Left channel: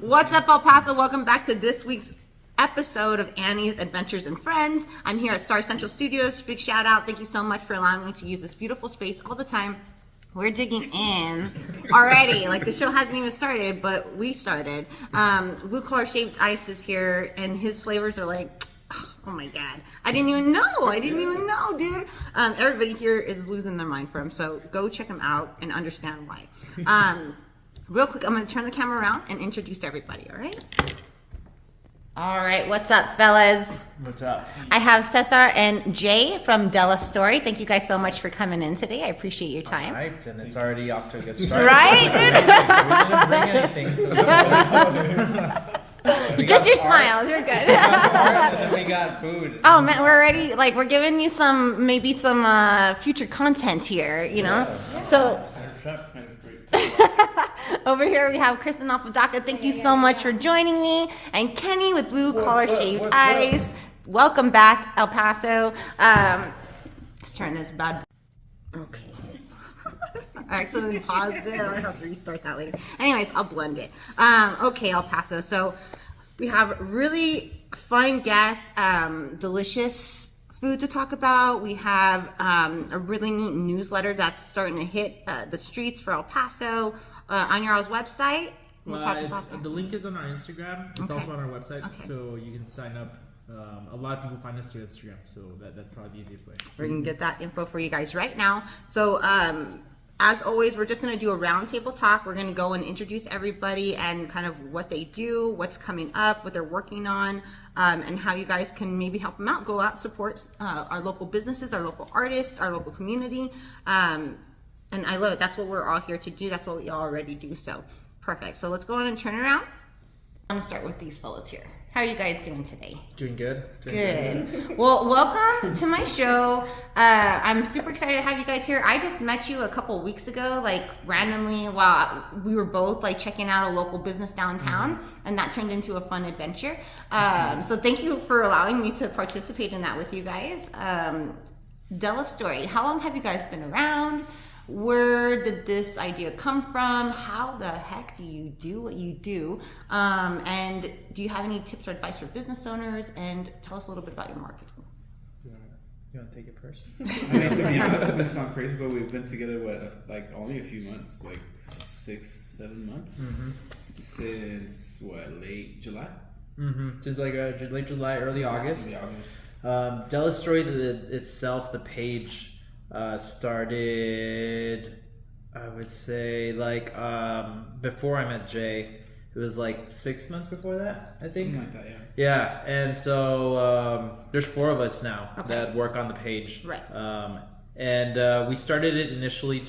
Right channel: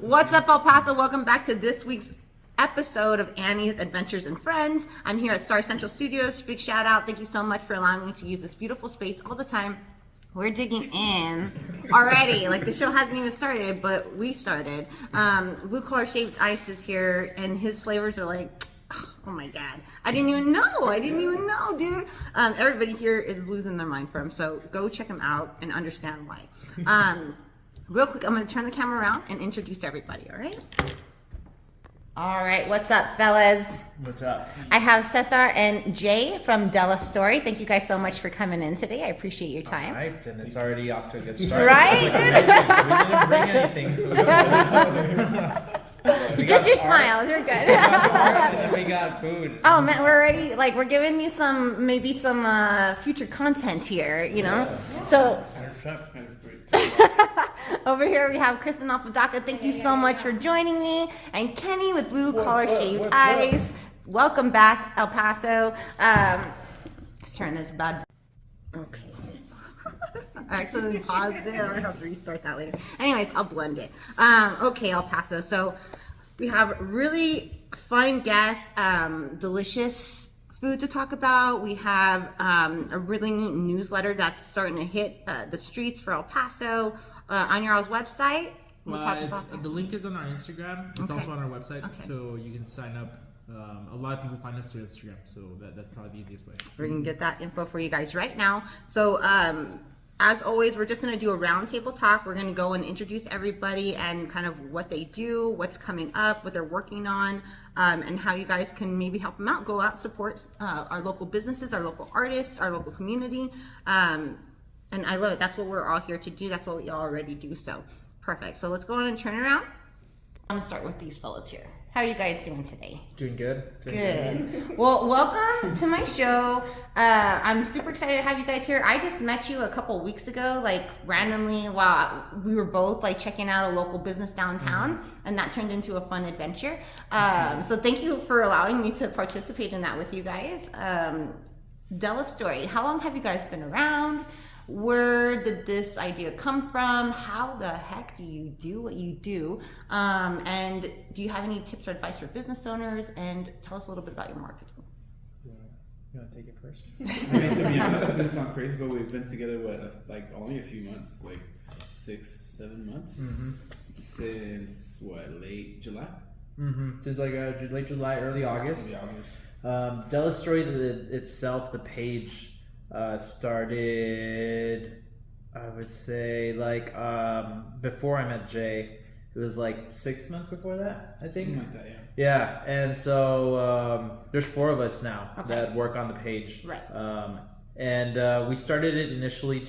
What's up, El Paso? Welcome back to this week's episode of Annie's Adventures and Friends. I'm here at Star Central Studios. Big shout out. Thank you so much for allowing me to use this beautiful space all the time. We're digging in already. Like, the show hasn't even started, but we started. Blue Collar Shaved Ice is here, and his flavors are like, oh my God. I didn't even know, dude. Everybody here is losing their mind for him, so go check him out and understand why. Real quick, I'm going to turn the camera around and introduce everybody, all right? All right, what's up, fellas? What's up? I have Cesar and Jay from Delastory. Thank you guys so much for coming in today. I appreciate your time. All right, and it's already off to a good start. Right? Like amazing. We didn't bring anything. So just your smiles, you're good. And then we got food. Oh man, we're already, like, we're giving you maybe some future content here, you know? So, over here we have Christin Apodaca. Thank you so much for joining me. And Kenny with Blue Collar Shaved Ice. Welcome back, El Paso. Let's turn this bad. Okay. I accidentally paused it. I have to restart that later. Anyways, I'll blend it. Okay, El Paso. So we have really fun guests, delicious food to talk about. We have a really neat newsletter that's starting to hit the streets for El Paso on your all's website. We'll talk about that. The link is on our Instagram. It's also on our website, so you can sign up. A lot of people find us through Instagram, so that's probably the easiest way. We're going to get that info for you guys right now. So, as always, we're just going to do a roundtable talk. We're going to go and introduce everybody and kind of what they do, what's coming up, what they're working on, and how you guys can maybe help them out. Go out, support our local businesses, our local artists, our local community. And I love it. That's what we're all here to do. That's what we already do. So, perfect. So, let's go on and turn around. I'm going to start with these fellas here. How are you guys doing today? Doing good. Good. Well, welcome to my show. I'm super excited to have you guys here. I just met you a couple weeks ago, like randomly while we were both like checking out a local business downtown, and that turned into a fun adventure. So thank you for allowing me to participate in that with you guys. Delastory, how long have you guys been around? Where did this idea come from? How the heck do you do what you do? And do you have any tips or advice for business owners? And tell us a little bit about your marketing. You want to take it first? To be honest, it's gonna sound crazy, but we've been together like only a few months, like 6-7 months, since late July. Since like late July, early August. Delastory itself, the page started, I would say, like before I met Jay. It was like 6 months before that, I think. Something like that, yeah. And so there's 4 of us now that work on the page. Right. And we started it initially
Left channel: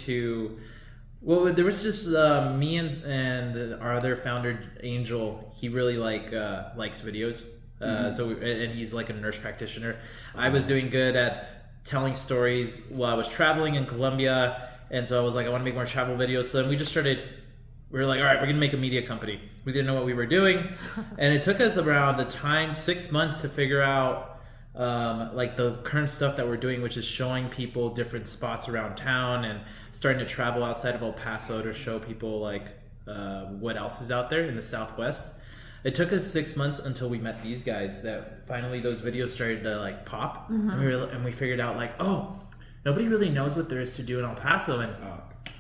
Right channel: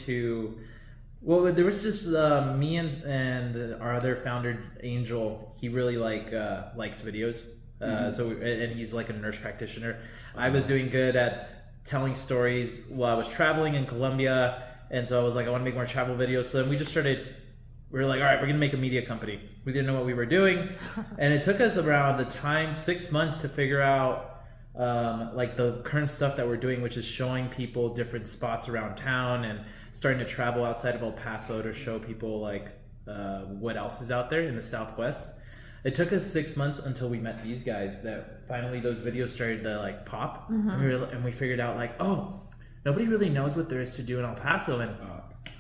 there was just me and our other founder, Angel. He really likes videos. And he's like a nurse practitioner. I was doing good at telling stories while I was traveling in Colombia, and so I was like, I want to make more travel videos. So then we were like, all right, we're gonna make a media company. We didn't know what we were doing, and it took us around the time 6 months to figure out like the current stuff that we're doing, which is showing people different spots around town and starting to travel outside of El Paso to show people like what else is out there in the Southwest. It took us 6 months until we met these guys that finally those videos started to like pop, and we figured out like, oh, nobody really knows what there is to do in El Paso. And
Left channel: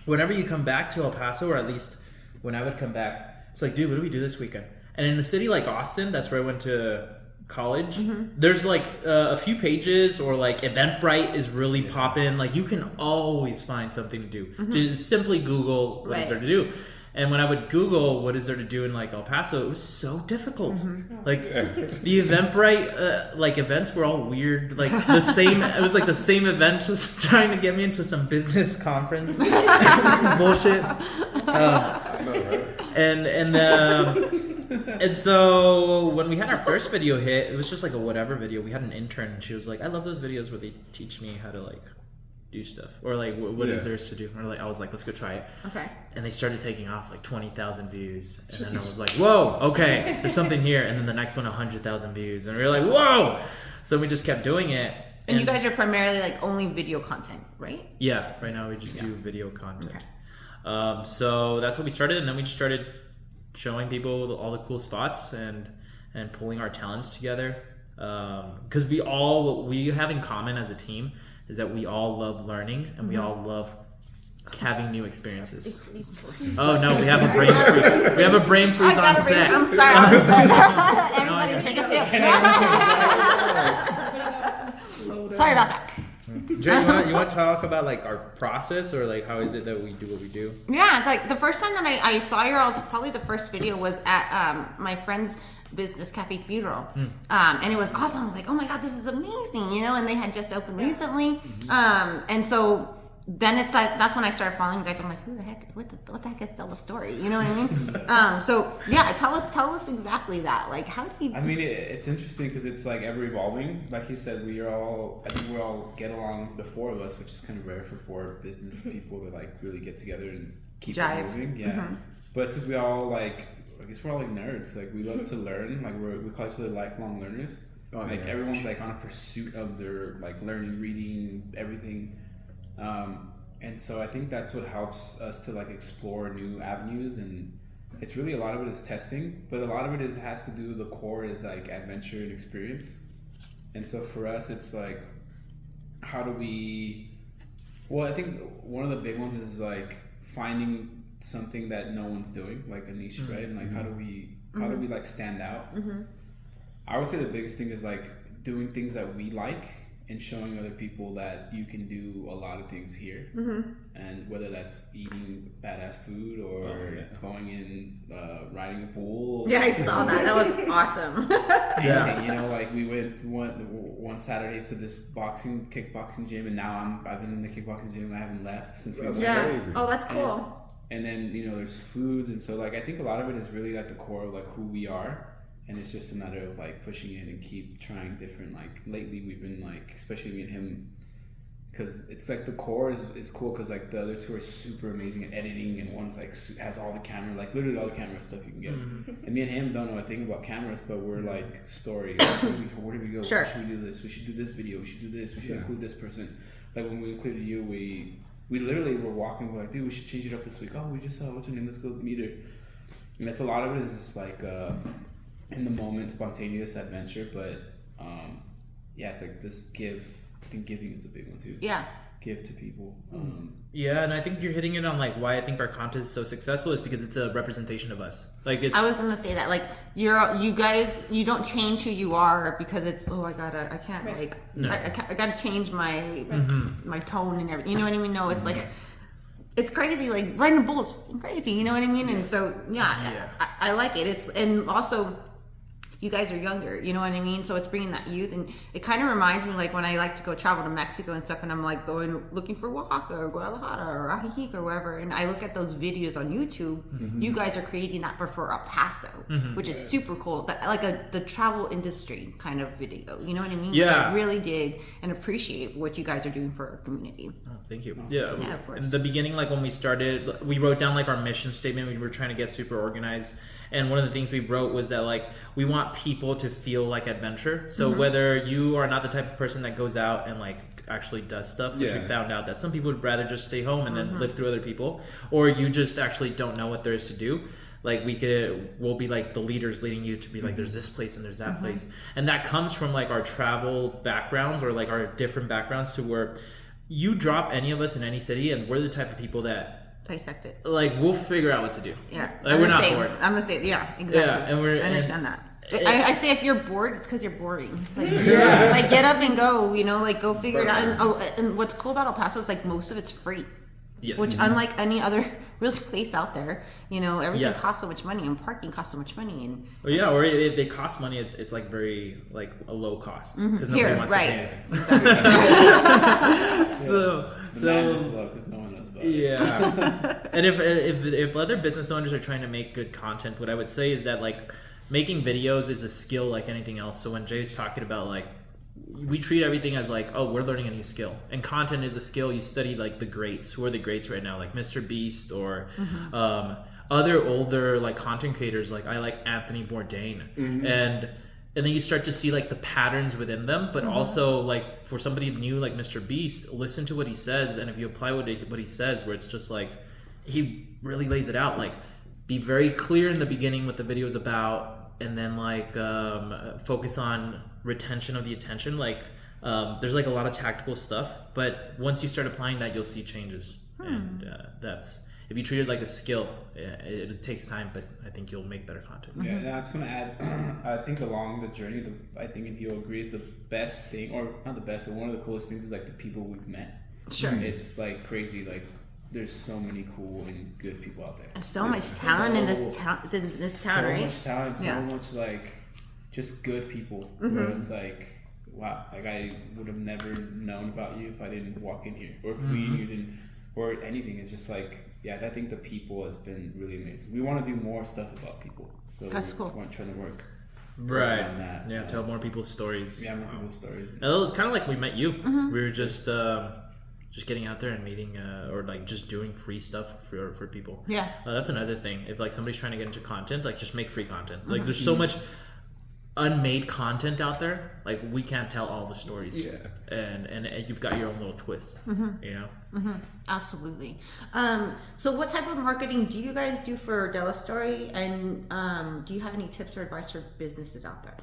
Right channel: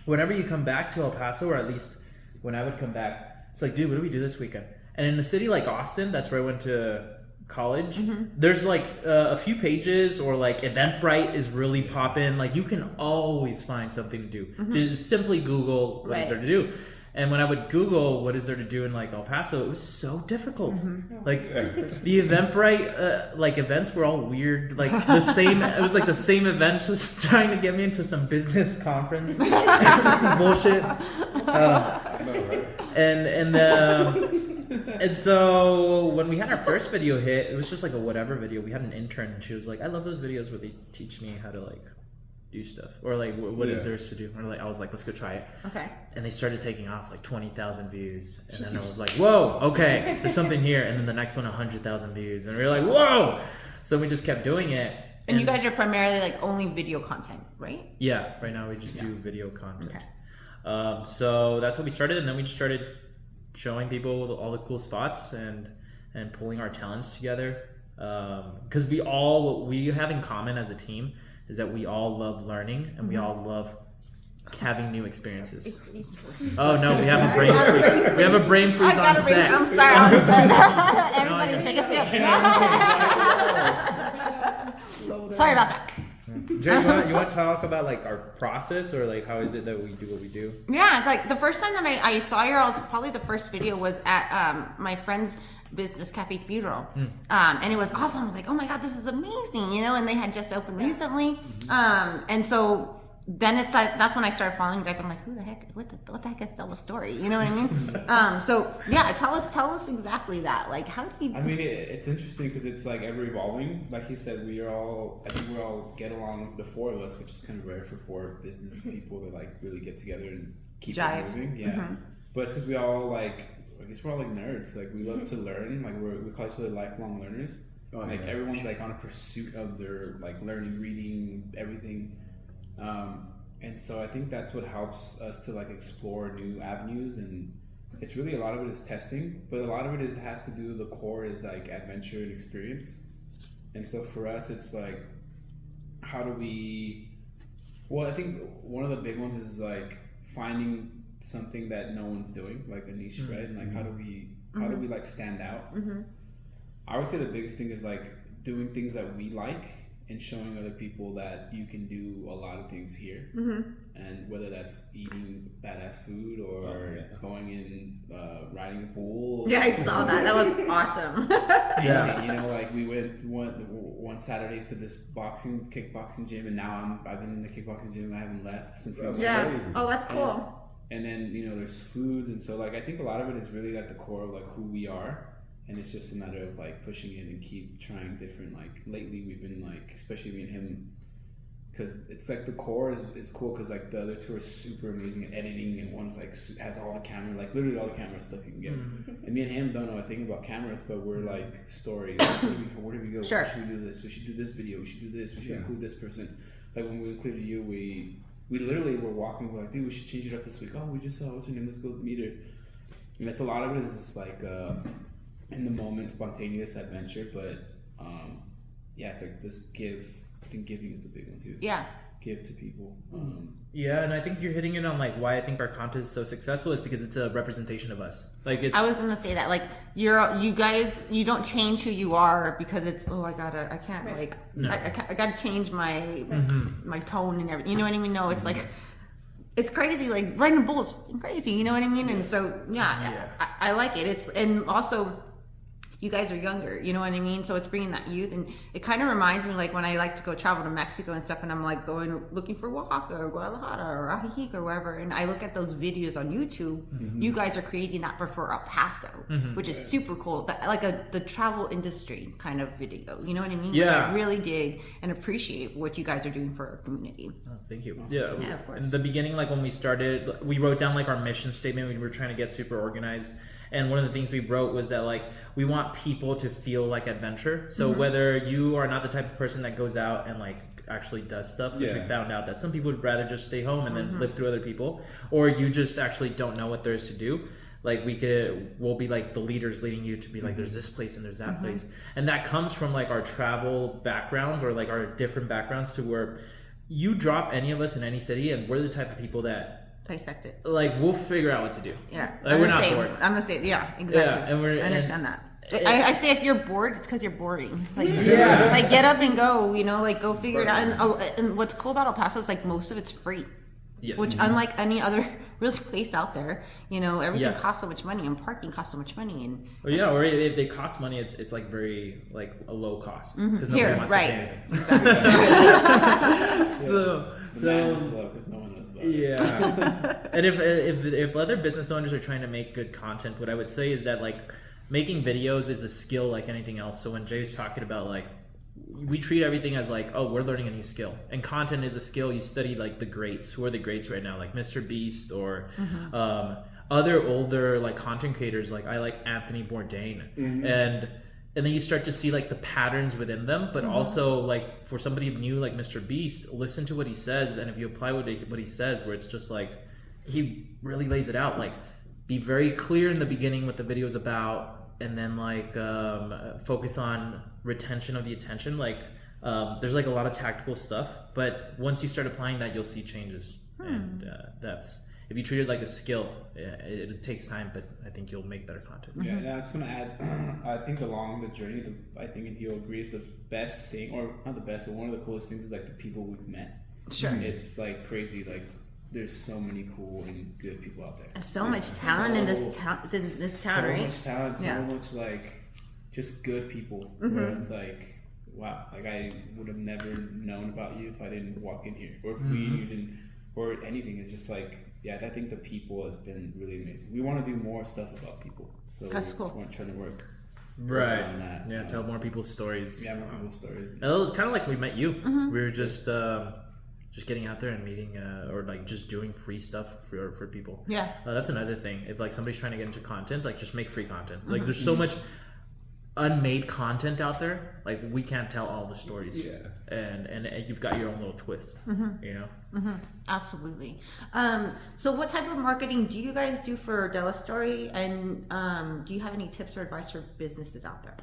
whenever you come back to El Paso, or at least when I would come back, it's like, dude, what do we do this weekend? And in a city like Austin, that's where I went to college, there's like a few pages, or like Eventbrite is really popping. Like you can always find something to do. Just simply Google what is there to do. And when I would Google what is there to do in like El Paso, it was so difficult. Like the Eventbrite, like events were all weird. Like the same, it was like the same event, just trying to get me into some business conference bullshit. And so when we had our first video hit, it was just like a whatever video. We had an intern, and she was like, "I love those videos where they teach me how to like do stuff, or like what is theirs to do." Or like I was like, let's go try it. Okay. And they started taking off like 20,000 views, and then I was like, whoa, okay, there's something here. And then the next one 100,000 views, and we were like, whoa. So we just kept doing it. And you guys are primarily like only video content, right? Yeah, right now we just do video content. Okay. So that's what we started, and then we just started showing people all the cool spots and pulling our talents together. Because what we have in common as a team is that we all love learning and we all love having new experiences. Oh no, we have a brain freeze. We have a brain freeze on set. I'm sorry. Everybody take a sip. Sorry about that. Jay, you want to talk about like our process, or like how is it that we do what we do? Yeah, like the first time that I saw you, probably the first video was at my friend's business, Cafe Bureau, and it was awesome. I was like, oh my god, this is amazing, and they had just opened recently, and so then it's like that's when I started following you guys. I'm like, who the heck? What the heck is Delastory? You know what I mean? So yeah, tell us exactly that. Like, how do you? I mean, it's interesting because it's like ever evolving. Like you said, I think we all get along, the four of us, which is kind of rare for four business people to like really get together and keep it moving. Yeah, but it's because we all like. I guess we're all like nerds. Like we love to learn. Like we call each other lifelong learners. Everyone's like on a pursuit of their like learning, reading, everything. And so I think that's what helps us to like explore new avenues, and it's really a lot of it is testing, but a lot of it has to do with the core is like adventure and experience. And so for us, it's like, how do we? Well, I think one of the big ones is like finding something that no one's doing, like a niche, right? And like how do we like stand out? I would say the biggest thing is like doing things that we like and showing other people that you can do a lot of things here, and whether that's eating badass food or going in riding a pool. Yeah, I saw that. That was awesome. Yeah, like we went one Saturday to this kickboxing gym, and now I've been in the kickboxing gym and I haven't left since we went. Crazy. Oh, that's cool. And then there's foods, and so like I think a lot of it is really like the core of like who we are, and it's just a matter of like pushing it and keep trying different. Like lately we've been like, especially me and him, because it's like the core is cool because like the other two are super amazing at editing, and one's like has all the camera, like literally all the camera stuff you can get. And me and him don't know a thing about cameras, but we're like story. Where do we go? Sure. Should we do this? We should do this video. We should do this. We should include this person. Like when we included you, we literally were walking, we're like, dude, we should change it up this week. Oh, we just saw, what's her name? Let's go meet her. And that's a lot of it is just like in the moment, spontaneous adventure. But yeah, it's like this give. I think giving is a big one too. Yeah. Give to people. Yeah, and I think you're hitting it on like why I think our content is so successful is because it's a representation of us. Like it's. I was gonna say that like you guys don't change who you are because it's I can't like I gotta change my my tone and everything. You know what I mean? No, it's like it's crazy. Like riding a bull is crazy. You know what I mean? And so I like it. It's and also. You guys are younger, you know what I mean? So it's bringing that youth, and it kind of reminds me like when I like to go travel to Mexico and stuff, and I'm like looking for Oaxaca or Guadalajara or Ajijic or wherever, and I look at those videos on YouTube. You guys are creating that for El Paso, which is super cool. Like the travel industry kind of video, you know what I mean? Yeah. I really dig and appreciate what you guys are doing for our community. Oh, thank you. Yeah, of course. In the beginning, like when we started, we wrote down like our mission statement. We were trying to get super organized. And one of the things we wrote was that like we want people to feel like adventure. So whether you are not the type of person that goes out and like actually does stuff, which we found out that some people would rather just stay home and then live through other people, or you just actually don't know what there is to do. Like we'll be like the leaders leading you to be like, there's this place and there's that place. And that comes from like our travel backgrounds or like our different backgrounds to where you drop any of us in any city and we're the type of people that Dissect it. Like we'll figure out what to do. Yeah, like, we're not bored. I'm gonna say exactly. Yeah, and I understand that. I say if you're bored, it's because you're boring. Like, like get up and go. Like go figure it out. And what's cool about El Paso is like most of it's free. Yes. Which unlike any other really place out there, everything costs so much money, and parking costs so much money, and or if they cost money, it's like very like a low cost because nobody wants to pay anything. Exactly. So. Yeah, and if other business owners are trying to make good content, what I would say is that like making videos is a skill like anything else. So when Jay's talking about like we treat everything as like, oh, we're learning a new skill, and content is a skill. You study like the greats. Who are the greats right now? Like Mr. Beast or other older like content creators. Like I like Anthony Bourdain and then you start to see like the patterns within them, but also like for somebody new like Mr. Beast, listen to what he says, and if you apply what he says, where it's just like he really lays it out, like be very clear in the beginning what the video is about, and then like focus on retention of the attention. Like there's like a lot of tactical stuff, but once you start applying that, you'll see changes. And that's, if you treat it like a skill, it takes time, but I think you'll make better content. Yeah, and I was gonna add, I think along the journey, I think if you'll agree, is the best thing, or not the best, but one of the coolest things is like the people we've met. Sure. It's like crazy, like there's so many cool and good people out there. There's so much talent in this town, right? So much talent, so Yeah. much like just good people. Where it's like, wow, like I would have never known about you if I didn't walk in here, or if you didn't, or anything. It's just like, yeah, I think the people has been really amazing. We want to do more stuff about people, so That's cool. we're trying to work Right. on that. Yeah, tell more people's stories. Yeah, more people's stories. It was kind of like we met you. We were just getting out there and meeting, or like just doing free stuff for people. Yeah. That's another thing. If like somebody's trying to get into content, like just make free content. Like there's so much unmade content out there. Like we can't tell all the stories. Yeah. And you've got your own little twist. You know. Absolutely. So what type of marketing do you guys do for Delastory, and do you have any tips or advice for businesses out there?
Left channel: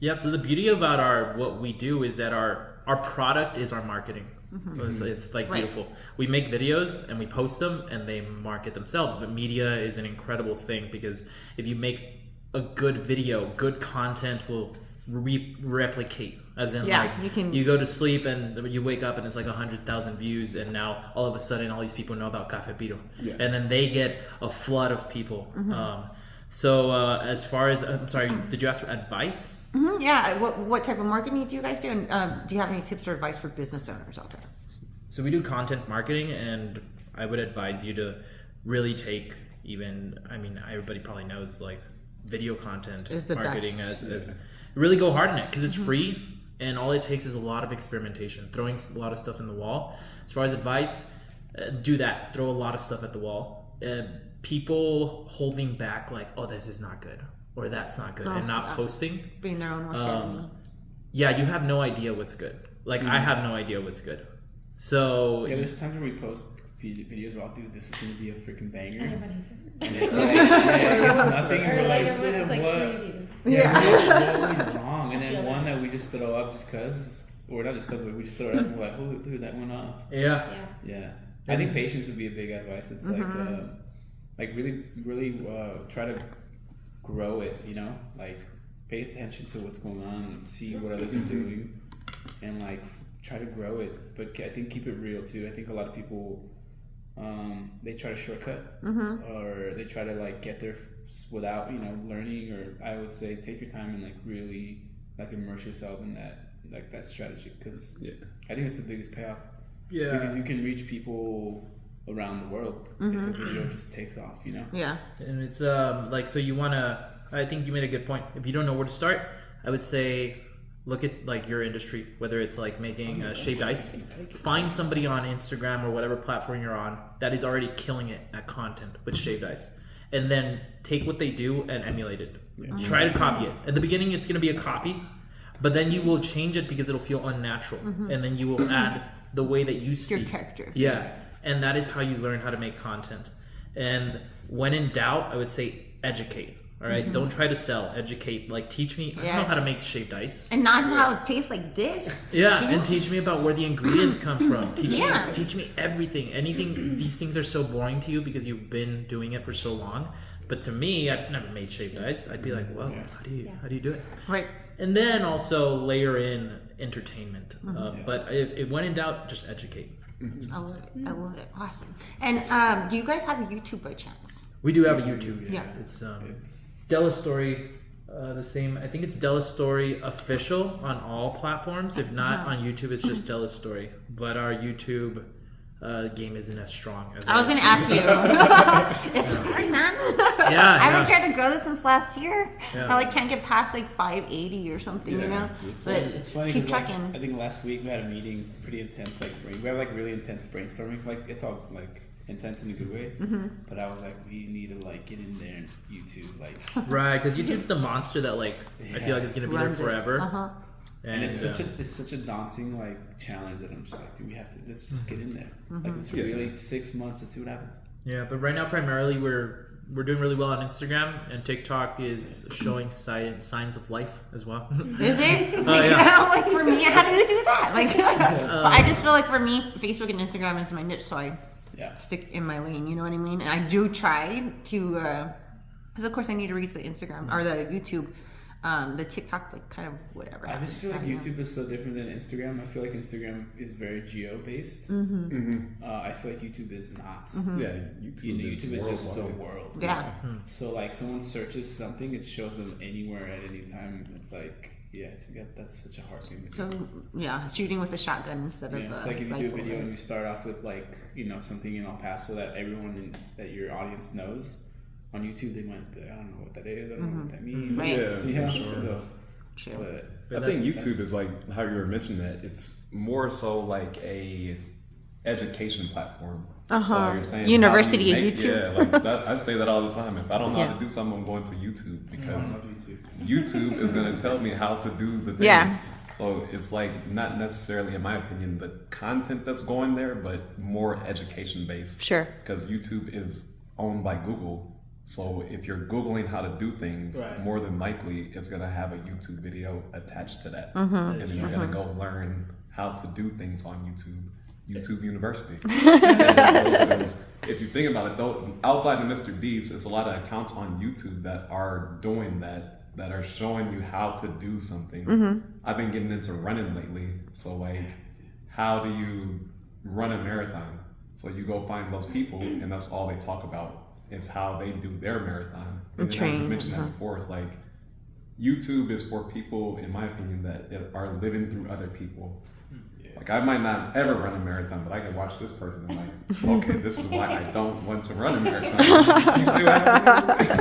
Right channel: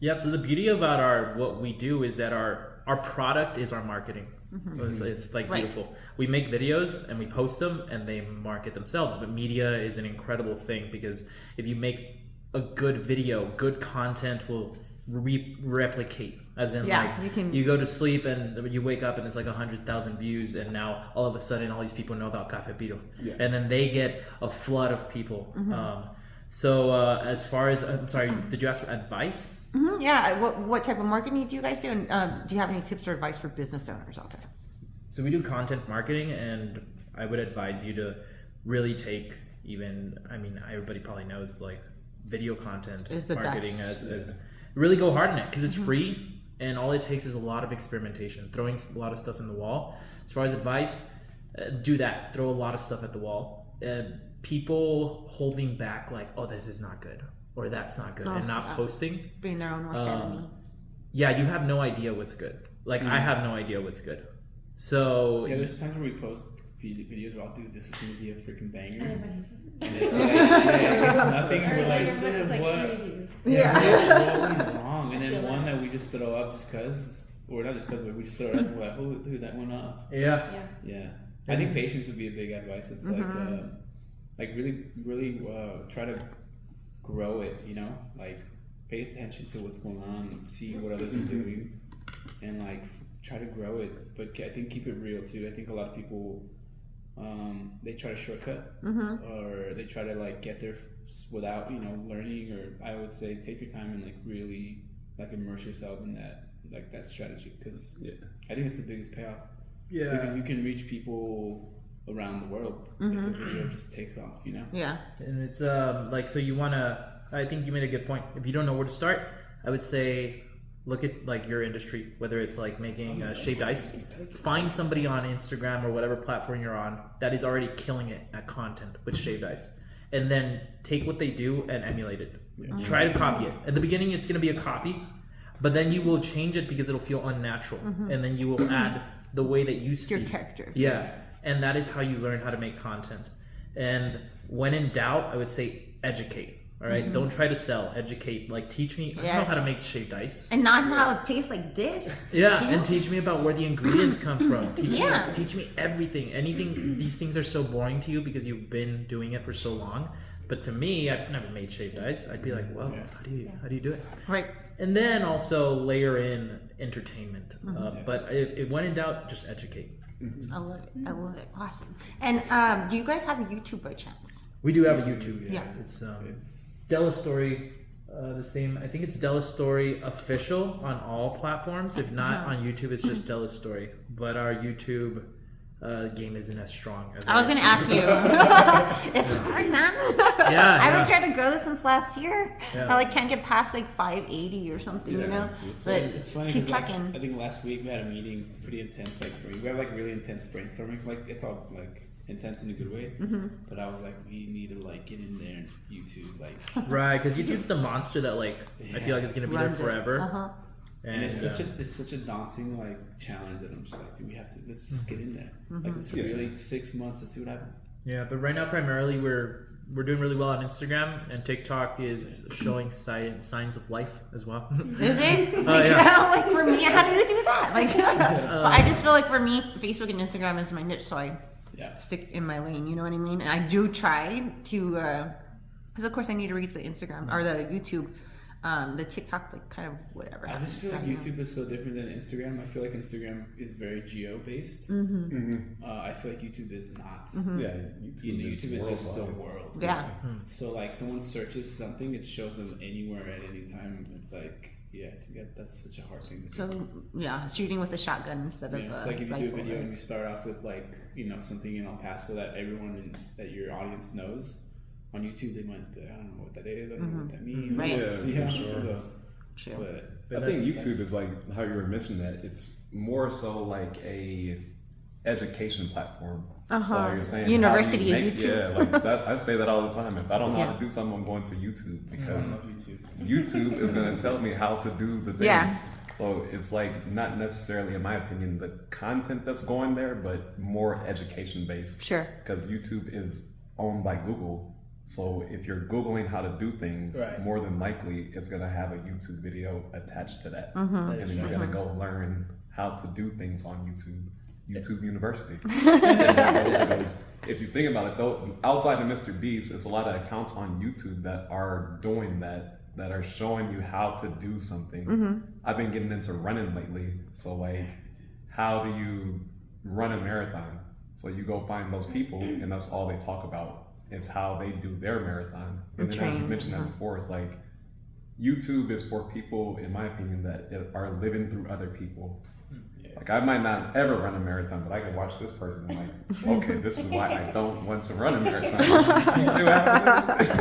Yeah, so the beauty about what we do is that our product is our marketing. It's like Right. beautiful. We make videos and we post them and they market themselves. But media is an incredible thing, because if you make a good video, good content will replicate. As in, Yeah, like you you go to sleep and you wake up and it's like 100,000 views, and now all of a sudden all these people know about Café Piro, and then they get a flood of people. So as far as, I'm sorry, did you ask for advice? Yeah. What type of marketing do you guys do, and do you have any tips or advice for business owners out there? So we do content marketing, and I would advise you to really take everybody probably knows like video content Is the marketing best. as really go hard in it, because it's free and all it takes is a lot of experimentation, throwing a lot of stuff in the wall. As far as advice, do that, throw a lot of stuff at the wall. People holding back like, oh, this is not good or that's not good, and not posting, Being their own worst enemy. yeah, you have no idea what's good. Like I have no idea what's good. So Yeah, there's times when we post videos where I'll do, this is gonna be a freaking banger. I And it's like, there's nothing, Or we're like like, your work is what? like 3 views. Yeah. What's wrong? And then one that we just throw up just cause, or not just cause, but we just throw it up and we're like, oh, threw that one off. yeah. Yeah. I think patience would be a big advice. It's like really try to grow it, you know? Like pay attention to what's going on, see what others are doing, and like try to grow it. But I think keep it real too. I think a lot of people, they try to shortcut, or they try to like get there without, learning, or I would say take your time and like really like immerse yourself in that strategy, because I think it's the biggest payoff. Because you can reach people around the world if a video just takes off, Yeah. And it's like, so you want to, I think you made a good point. If you don't know where to start, I would say look at like your industry, whether it's like making shaved ice. Find somebody on Instagram or whatever platform you're on that is already killing it at content with shaved ice, and then take what they do and emulate it. Try to copy it. At the beginning it's going to be a copy, but then you will change it because it'll feel unnatural, and then you will add the way that you speak. Your character. Yeah. And that is how you learn how to make content. And when in doubt, I would say educate. All right? Don't try to sell. Educate. Like teach me. I don't know how to make shaved ice. And not how it tastes like this. Yeah, You know? and teach me about where the ingredients come from. Yeah. Teach me everything. Anything. These things are so boring to you because you've been doing it for so long. But to me, I've never made shaved ice. I'd be like, whoa, how do you do it? Right. And then also layer in entertainment. But if when in doubt, just educate. I love it. I love it. Awesome. And do you guys have a YouTube by chance? We do have a YouTube. Yeah. It's Delastory, the same. I think it's Delastory official on all platforms. If not on YouTube, it's just Delastory. But our YouTube game isn't as strong as I was going to ask you. It's hard, man. Yeah, I've been trying to grow this since last year. Yeah. I like can't get past like 580 or something, you know? But It's funny. keep 'cause, like, trucking. I think last week we had a meeting, pretty intense. Like we have like really intense brainstorming. Like it's all like intense in a good way. But I was like, we need to like get in there and YouTube, like. Right, because YouTube's the monster that like I feel like is gonna be Runs it. there forever. Uh-huh. And And it's such a daunting like challenge that I'm just like, dude, we have to let's just get in there. Like it's really 6 months and see what happens. Yeah, but right now primarily we're doing really well on Instagram, and TikTok is showing signs of life as well. Is it? Like for me, how do you do that? Like, I just feel like for me, Facebook and Instagram is my niche, so I stick in my lane. You know what I mean? And I do try to, because of course I need to reach the Instagram or the YouTube. The TikTok, like kind of whatever. I just feel like YouTube is so different than Instagram. I feel like Instagram is very geo based. I feel like YouTube is not. Yeah, YouTube is just the world. Yeah. So like someone searches something, it shows them anywhere at any time. It's like that's such a hard thing to do. So yeah, shooting with a shotgun instead of it's like if you do a rifle. video and you start off with like something in El Paso that that your audience knows. On YouTube, they might be, I don't know what that is. I don't know what that means. Right. Yeah, for sure. So, True. But I think YouTube is like how you were mentioning that it's more so like a education platform. So you're saying University how do you of make- YouTube. Yeah, like that. I say that all the time. If I don't know how to do something, I'm going to YouTube because YouTube is going to tell me how to do the thing. Yeah. So it's like not necessarily, in my opinion, the content that's going there, but more education based. Sure. Because YouTube is owned by Google. So if you're Googling how to do things, more than likely it's going to have a YouTube video attached to that. And then you're going to go learn how to do things on YouTube University. Because if you think about it though, outside of Mr. Beast, there's a lot of accounts on YouTube that are doing that are showing you how to do something. I've been getting into running lately. So like, how do you run a marathon? So you go find those people and that's all they talk about. Is how they do their marathon. And then as you mentioned that before, it's like YouTube is for people, in my opinion, that are living through other people. Like I might not ever run a marathon, but I can watch this person and like, okay, this is why I don't want to run a marathon. You see what That's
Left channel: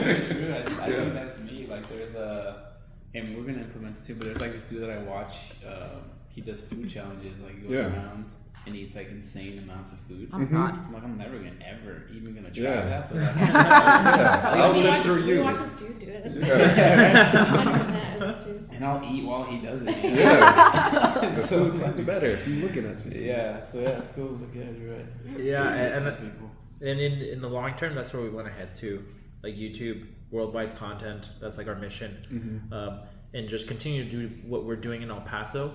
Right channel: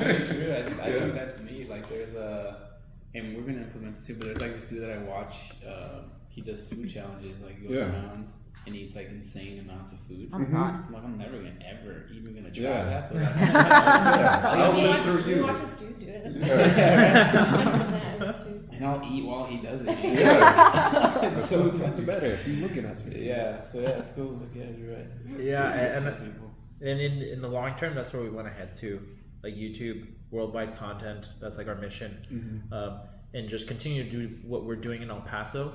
very true. I think that's me. Like there's and we're gonna implement this too, but there's like this dude that I watch, he does food challenges, like he goes around and eats like insane amounts of food. Oh my god. I'm like, I'm never gonna try Yeah. that. But I'll live through you. Watch this dude do it. 100%, I would too. and I'll eat while he does it. Yeah. The food tastes better if you're looking at something. Yeah, so it's cool. Yeah, you're right. Yeah, and in the long term, that's where we want to head to, like YouTube, worldwide content. That's like our mission, and just continue to do what we're doing in El Paso,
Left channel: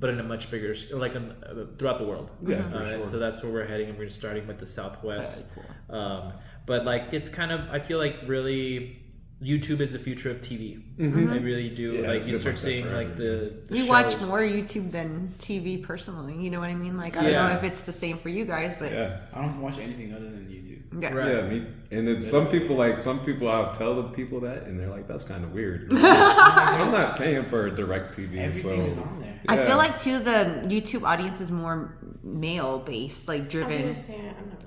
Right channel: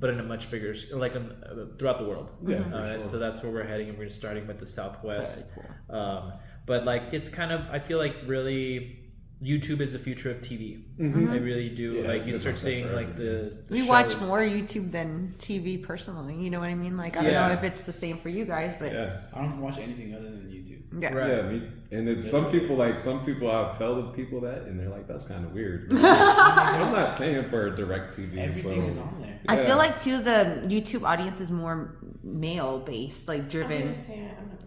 but in a much bigger, throughout the world. Yeah, for And sure. so that's where we're heading, and we're starting with the Southwest. But like, it's kind of, I feel like really, YouTube is the future of TV. I really do. Yeah, like it's you good start concept seeing for like the We shows. watch more YouTube than TV personally. You know what I mean? Like I don't know if it's the same for you guys, but Yeah. I don't watch anything other than YouTube. yeah. Right. Yeah, me. And it's some people I'll tell the people that, and they're like, "That's kind of weird." I'm not paying for direct TV, Everything is so on there. I feel like too the YouTube audience is more male based, like driven.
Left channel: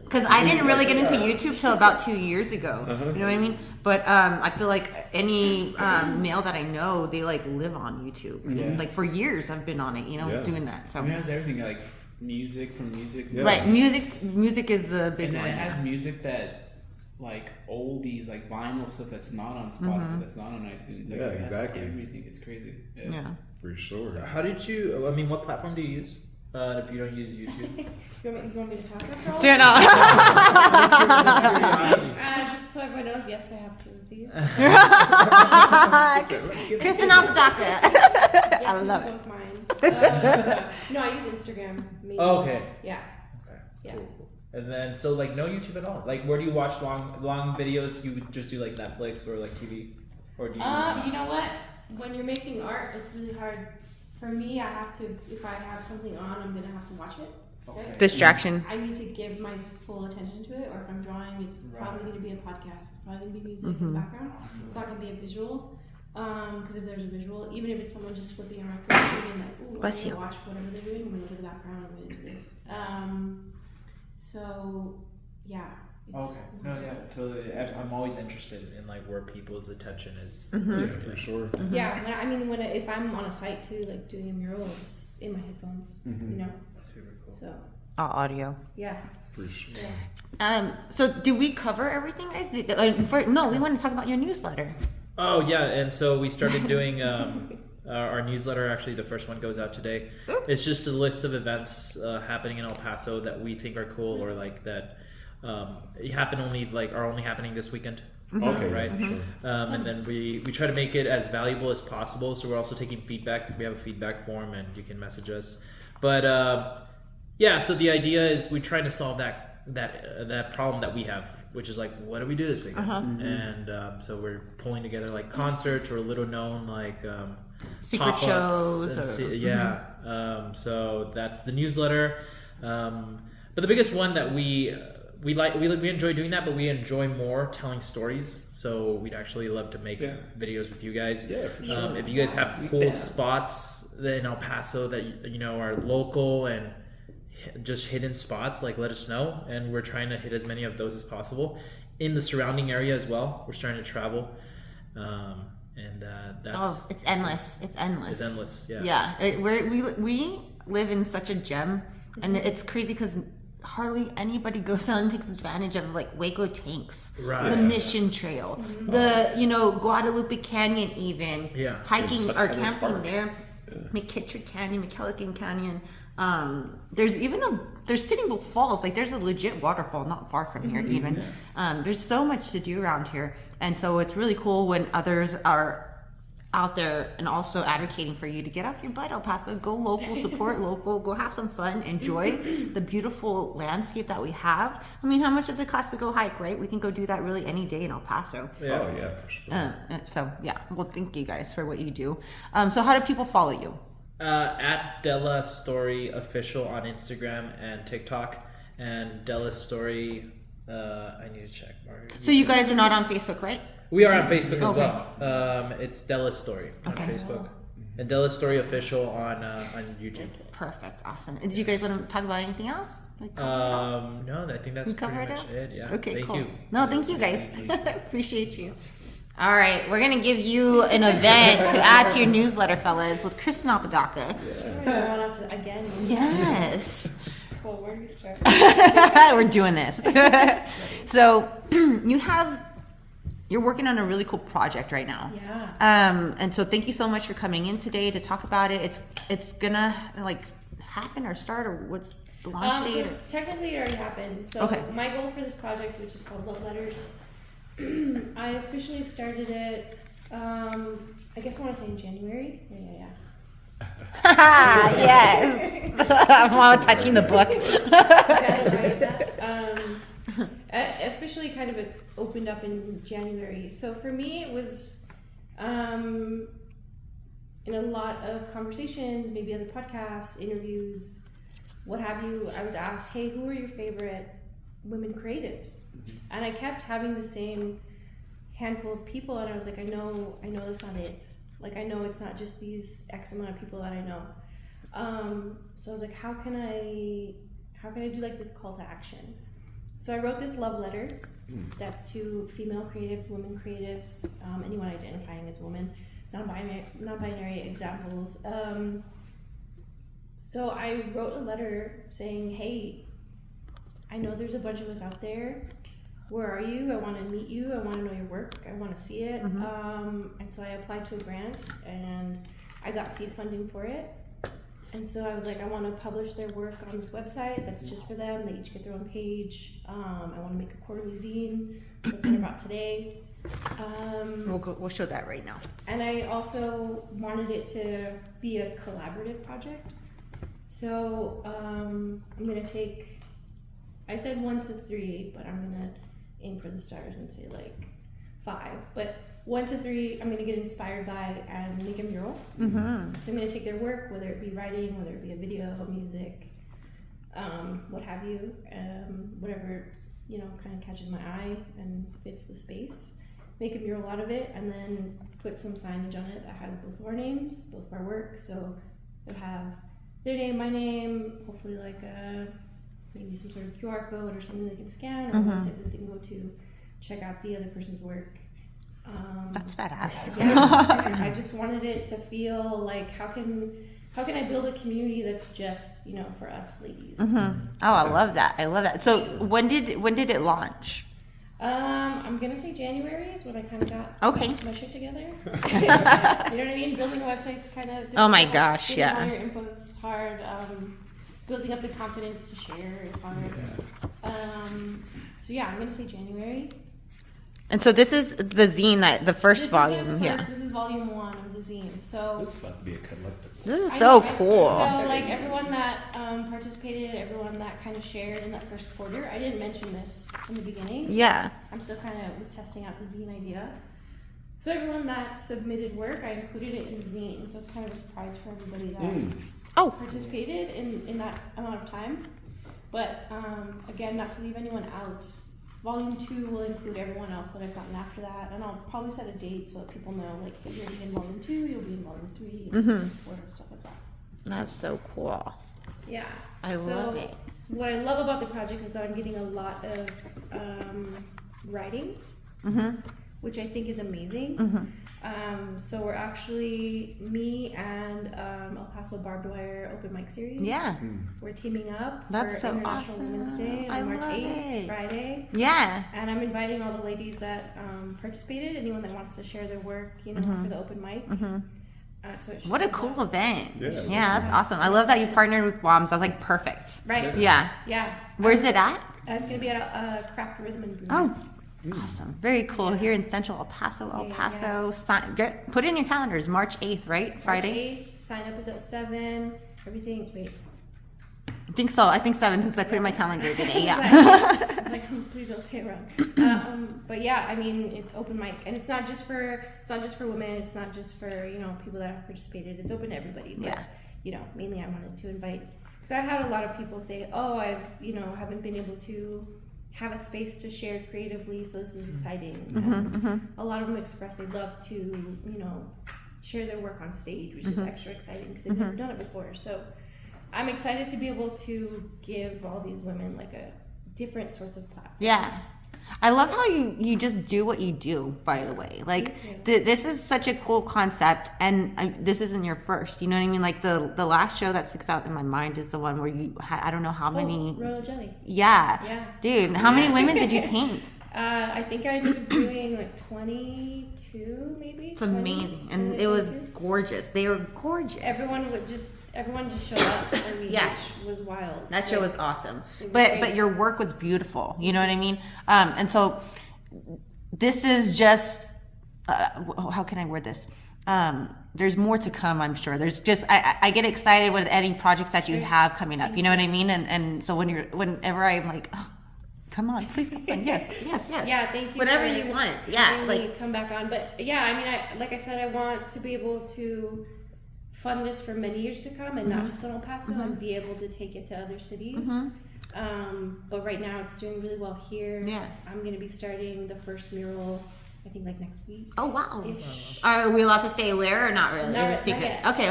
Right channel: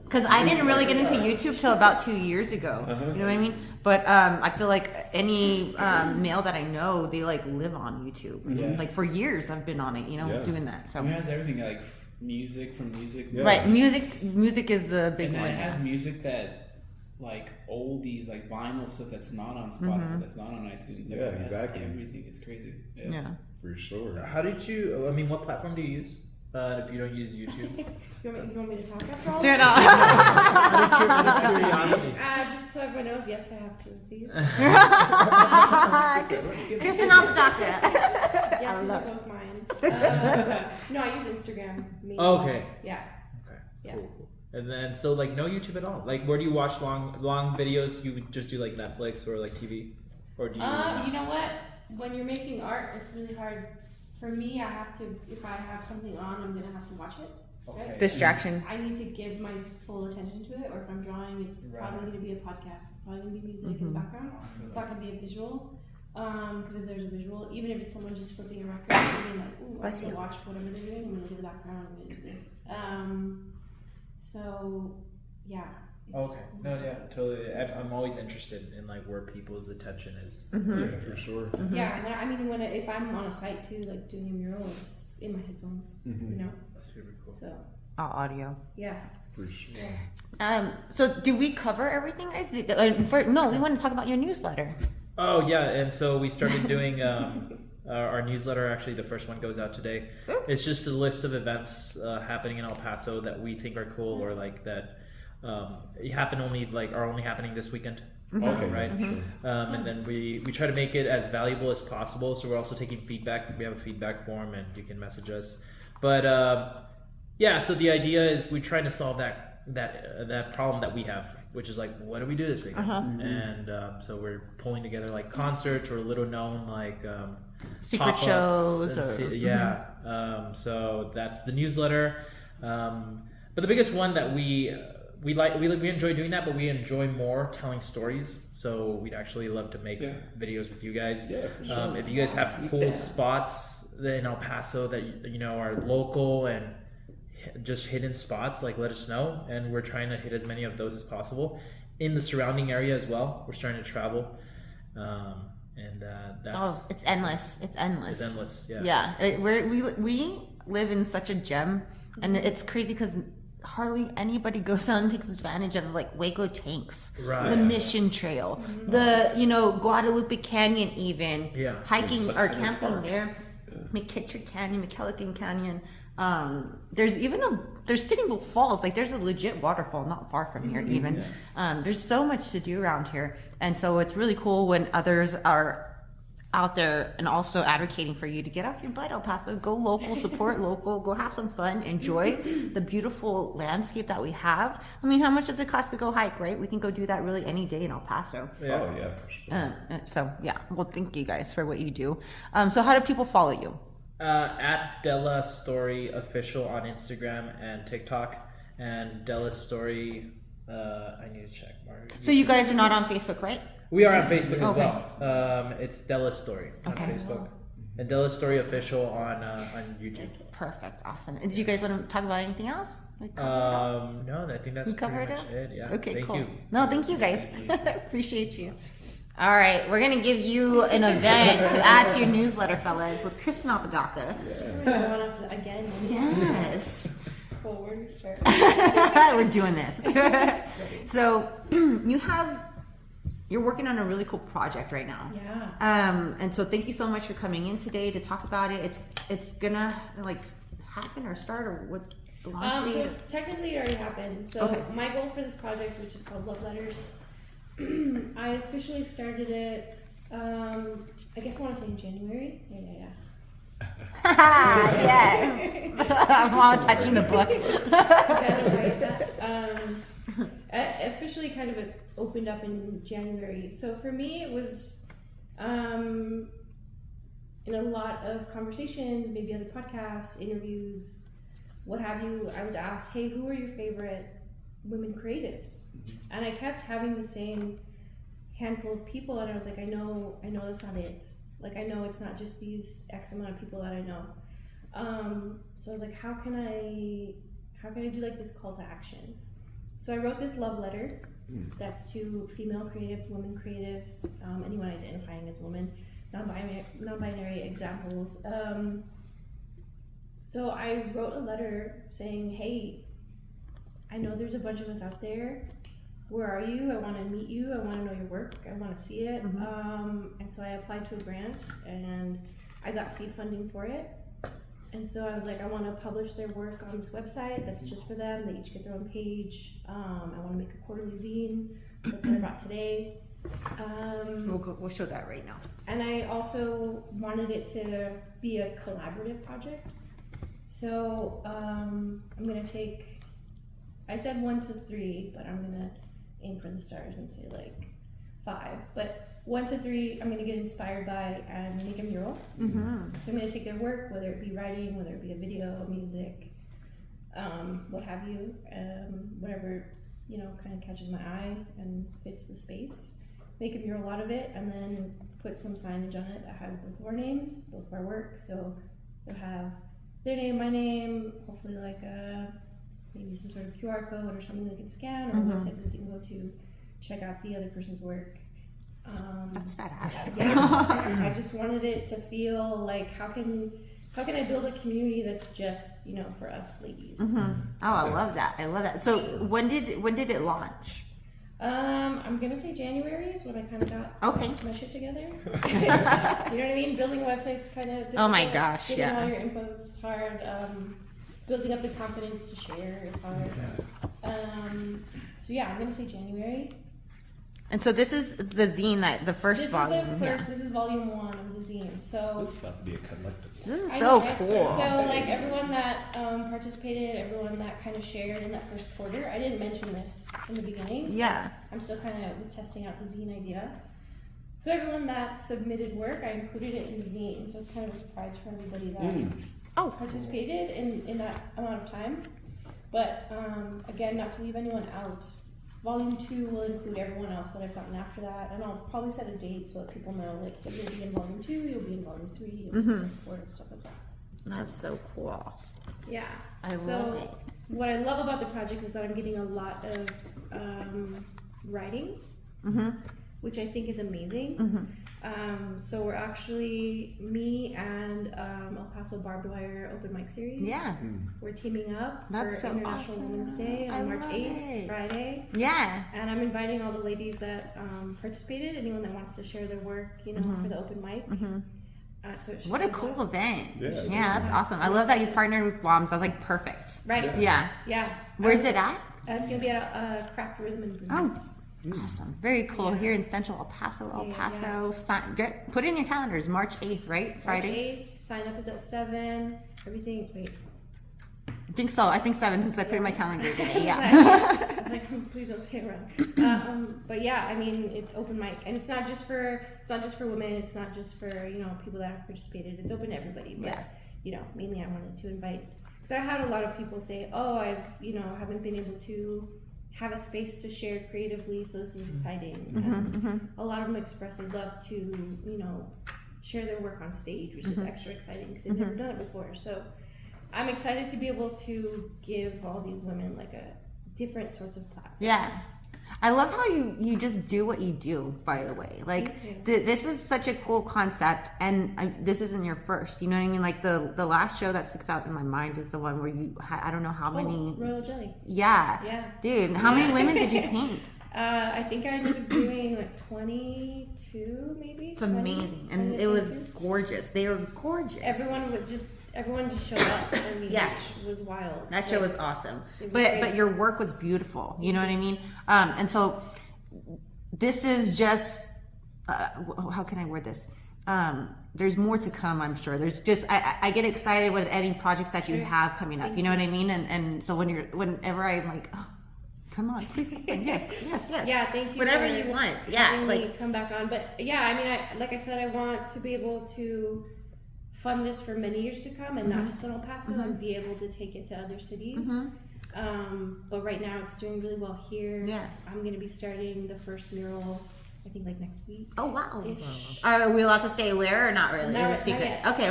Because I didn't really get into YouTube till about 2 years ago. You know what I mean? But I feel like any male that I know, they like live on YouTube. Yeah. Like for years, I've been on it. You know, Yeah. doing that. So It has everything like music from music. Yeah. right, music is the big And then one. it has music that like oldies, like vinyl stuff that's not on Spotify, that's not on iTunes. Like, Yeah, it has exactly. Everything. It's crazy. Yeah. for sure. How did you? I mean, what platform do you use? If you don't use YouTube, You want me to talk after all? Do not. Just so everyone knows, yes, I have two of these. Christin Apodaca. Yes, I these love are it. both mine. No, I use Instagram. Mainly. Okay. Yeah. Okay. Yeah. Cool. And then, so like no YouTube at all. Like, where do you watch long videos? You would just do like Netflix or like TV, or do you? You know what? When you're making art, it's really hard. For me, I have to. If I have something on, I'm gonna have to watch it. Right? Distraction. I need to give my full attention to it. Or if I'm drawing, it's probably gonna be a podcast. It's probably gonna be music in the background. It's not gonna be a visual. Because if there's a visual, even if it's someone just flipping a record and being like, "Ooh, I'm Bless gonna you. watch whatever they're doing. I'm gonna look at the background. I'm gonna do this." So, yeah. Okay. No, yeah, totally. I'm always interested in like where people's attention is. Yeah, for sure. Yeah, and I mean, if I'm on a site too, like doing a mural, it's in my headphones, you know. Super cool. So Audio. For sure. So do we cover everything, guys? No, we want to talk about your newsletter. Oh yeah, and so we started doing our newsletter. Actually, the first one goes out today. It's just a list of events happening in El Paso that we think are cool, or like that are only happening this weekend. Okay. Right. And then we try to make it as valuable as possible. So we're also taking feedback. We have a feedback form, and you can message us. But so the idea is we're trying to solve that problem that we have, which is like, what do we do this weekend? And so we're pulling together like concerts or little known like secret shows. So that's the newsletter. But the biggest one that we enjoy doing that, but we enjoy more telling stories. So we'd actually love to make videos with you guys. Yeah, for sure. If you guys have cool spots in El Paso that are local and just hidden spots, like let us know, and we're trying to hit as many of those as possible in the surrounding area as well. We're starting to travel, and that's it's endless. It's endless. It's endless. Yeah. We live in such a gem, and it's crazy because hardly anybody goes out and takes advantage of like Waco tanks, the Mission Trail, the Guadalupe Canyon, even hiking or camping there, McKittrick Canyon, McKellican Canyon. There's Sitting Bull Falls, like there's a legit waterfall not far from here even. There's so much to do around here, and so it's really cool when others are out there and also advocating for you to get off your butt, El Paso, go local, support local, go have some fun, enjoy the beautiful landscape that we have. I mean, how much does it cost to go hike, right? We can go do that really any day in El Paso. Yeah. Oh, yeah. For sure. Well, thank you guys for what you do. So how do people follow you? At Delastory Official on Instagram and TikTok, and Delastory. I need to check. So you guys are not on Facebook, right? We are on Facebook as well. It's Delastory on Facebook, and Delastory Official on YouTube. Perfect, awesome. Did you guys want to talk about anything else? No, I think that's pretty much it. Yeah. Okay, thank cool. you. No, thank you guys. Appreciate you. All right, we're gonna give you an event to add to your newsletter, fellas, with Christin Apodaca. Again. Yes. Cool, where do you start? We're doing this. So you're working on a really cool project right now. Yeah. And so thank you so much for coming in today to talk about it. It's gonna like happen or start, or what's the launch date? So technically it already happened. So my goal for this project, which is called Love Letters, I officially started it, I guess I want to say in January. Yeah. Yes. Wow, touching the book. Gotta write that. Officially kind of opened up in January. So for me, it was in a lot of conversations, maybe other podcasts, interviews, what have you. I was asked, hey, who are your favorite women creatives? And I kept having the same handful of people, and I was like, I know that's not it. Like, I know it's not just these X amount of people that I know. So I was like, how can I do like this call to action? So I wrote this love letter that's to female creatives, women creatives, anyone identifying as women, non-binary examples. So I wrote a letter saying, hey, I know there's a bunch of us out there. Where are you? I want to meet you. I want to know your work. I want to see it. And so I applied to a grant, and I got seed funding for it. And so I was like, I want to publish their work on this website that's just for them. They each get their own page. I want to make a quarterly zine. That's what I brought today. We'll show that right now. And I also wanted it to be a collaborative project. So I'm going to take, I said 1 to 3, but I'm going to aim for the stars and say like 5. But 1 to 3, I'm going to get inspired by and make a mural. So I'm going to take their work, whether it be writing, whether it be a video, music, what have you, whatever, kind of catches my eye and fits the space. Make a mural out of it, and then put some signage on it that has both of our names, both of our work. So you'll have their name, my name, hopefully like maybe some sort of QR code or something they can scan, or a website that they can go to check out the other person's work. That's badass. Yeah, I just wanted it to feel like how can I build a community that's just for us ladies. Oh, I love that. I love that. So when did it launch? I'm gonna say January is when I kind of got my shit together. You know what I mean? Building a website's kind of difficult. Oh my gosh, Getting yeah. all your info is hard. Building up the confidence to share is hard. So yeah, I'm gonna say January. And so this is the zine, that the first volume. This is volume 1 of the zine. So This is about to be a collectible. This is I so know, right? cool. So like everyone that participated, everyone that kind of shared in that first quarter. I didn't mention this in the beginning. Yeah. I'm still kind of was testing out the zine idea. So everyone that submitted work, I included it in the zine. So it's kind of a surprise for everybody that participated in that amount of time. But again, not to leave anyone out. Volume 2 will include everyone else that I've gotten after that, and I'll probably set a date so that people know, like, if you'll be in Volume 2, you'll be in Volume 3, and 4, and stuff like that. That's so cool. Yeah. I love it. What I love about the project is that I'm getting a lot of writing, which I think is amazing. So we're actually, me and El Paso Barbed Wire Open Mic Series. Yeah. We're teaming up That's for so International awesome. Women's Day I on March love 8th, it. Friday. Yeah. And I'm inviting all the ladies that participated, anyone that wants to share their work, you know, for the open mic. So it should What a be cool fun. event. Yeah. That's awesome. I love that you partnered with BWOMS. I was like, perfect. Right. Yeah. Yeah. Where's it at? It's going to be at Craft Rhythm Brews. Oh, awesome. Very cool. Here in Central El Paso, put it in your calendars. March 8th, right? Friday? March 8th. Sign up is at 7. Everything. Wait. I think so. I think 7 because I put it in my calendar today. Yeah. I was like, please don't say it wrong. But yeah, I mean, it's open mic, and it's not just for women. It's not just for, you know, people that have participated. It's open to everybody. But you know, mainly I wanted to invite, because I had a lot of people say, oh, haven't been able to have a space to share creatively, so this is exciting. And a lot of them express they'd love to, you know, share their work on stage, which is extra exciting because they've never done it before. So I'm excited to be able to give all these women like a different sorts of platforms. Yeah. I love how you just do what you do, by the way. Like, this is such a cool concept, and this isn't your first, you know what I mean? Like, the last show that sticks out in my mind is the one where you had, I don't know how many. Royal Jelly. Yeah. Dude, how many women did you paint? I think I ended up doing like 22, maybe. It's amazing. And it was gorgeous. They were gorgeous. Everyone just showed up for me, which was wild. That show was awesome. But your work was beautiful. You know what I mean? And so this is just, how can I word this? There's more to come, I'm sure. There's just, I get excited with any projects that you have coming up. You know what I mean? And so whenever I'm like, oh, come on, please come on. Yes. Yeah, thank you. Whatever you want. Yeah. Like, come back on. But yeah, I mean, like I said, I want to be able to fund this for many years to come, and not just in El Paso, and be able to take it to other cities. But right now it's doing really well here. Yeah. I'm going to be starting the first mural, I think, like next week. Oh, wow. Ish. Are we allowed to say where or not really? Not It's a secret. yet. Okay.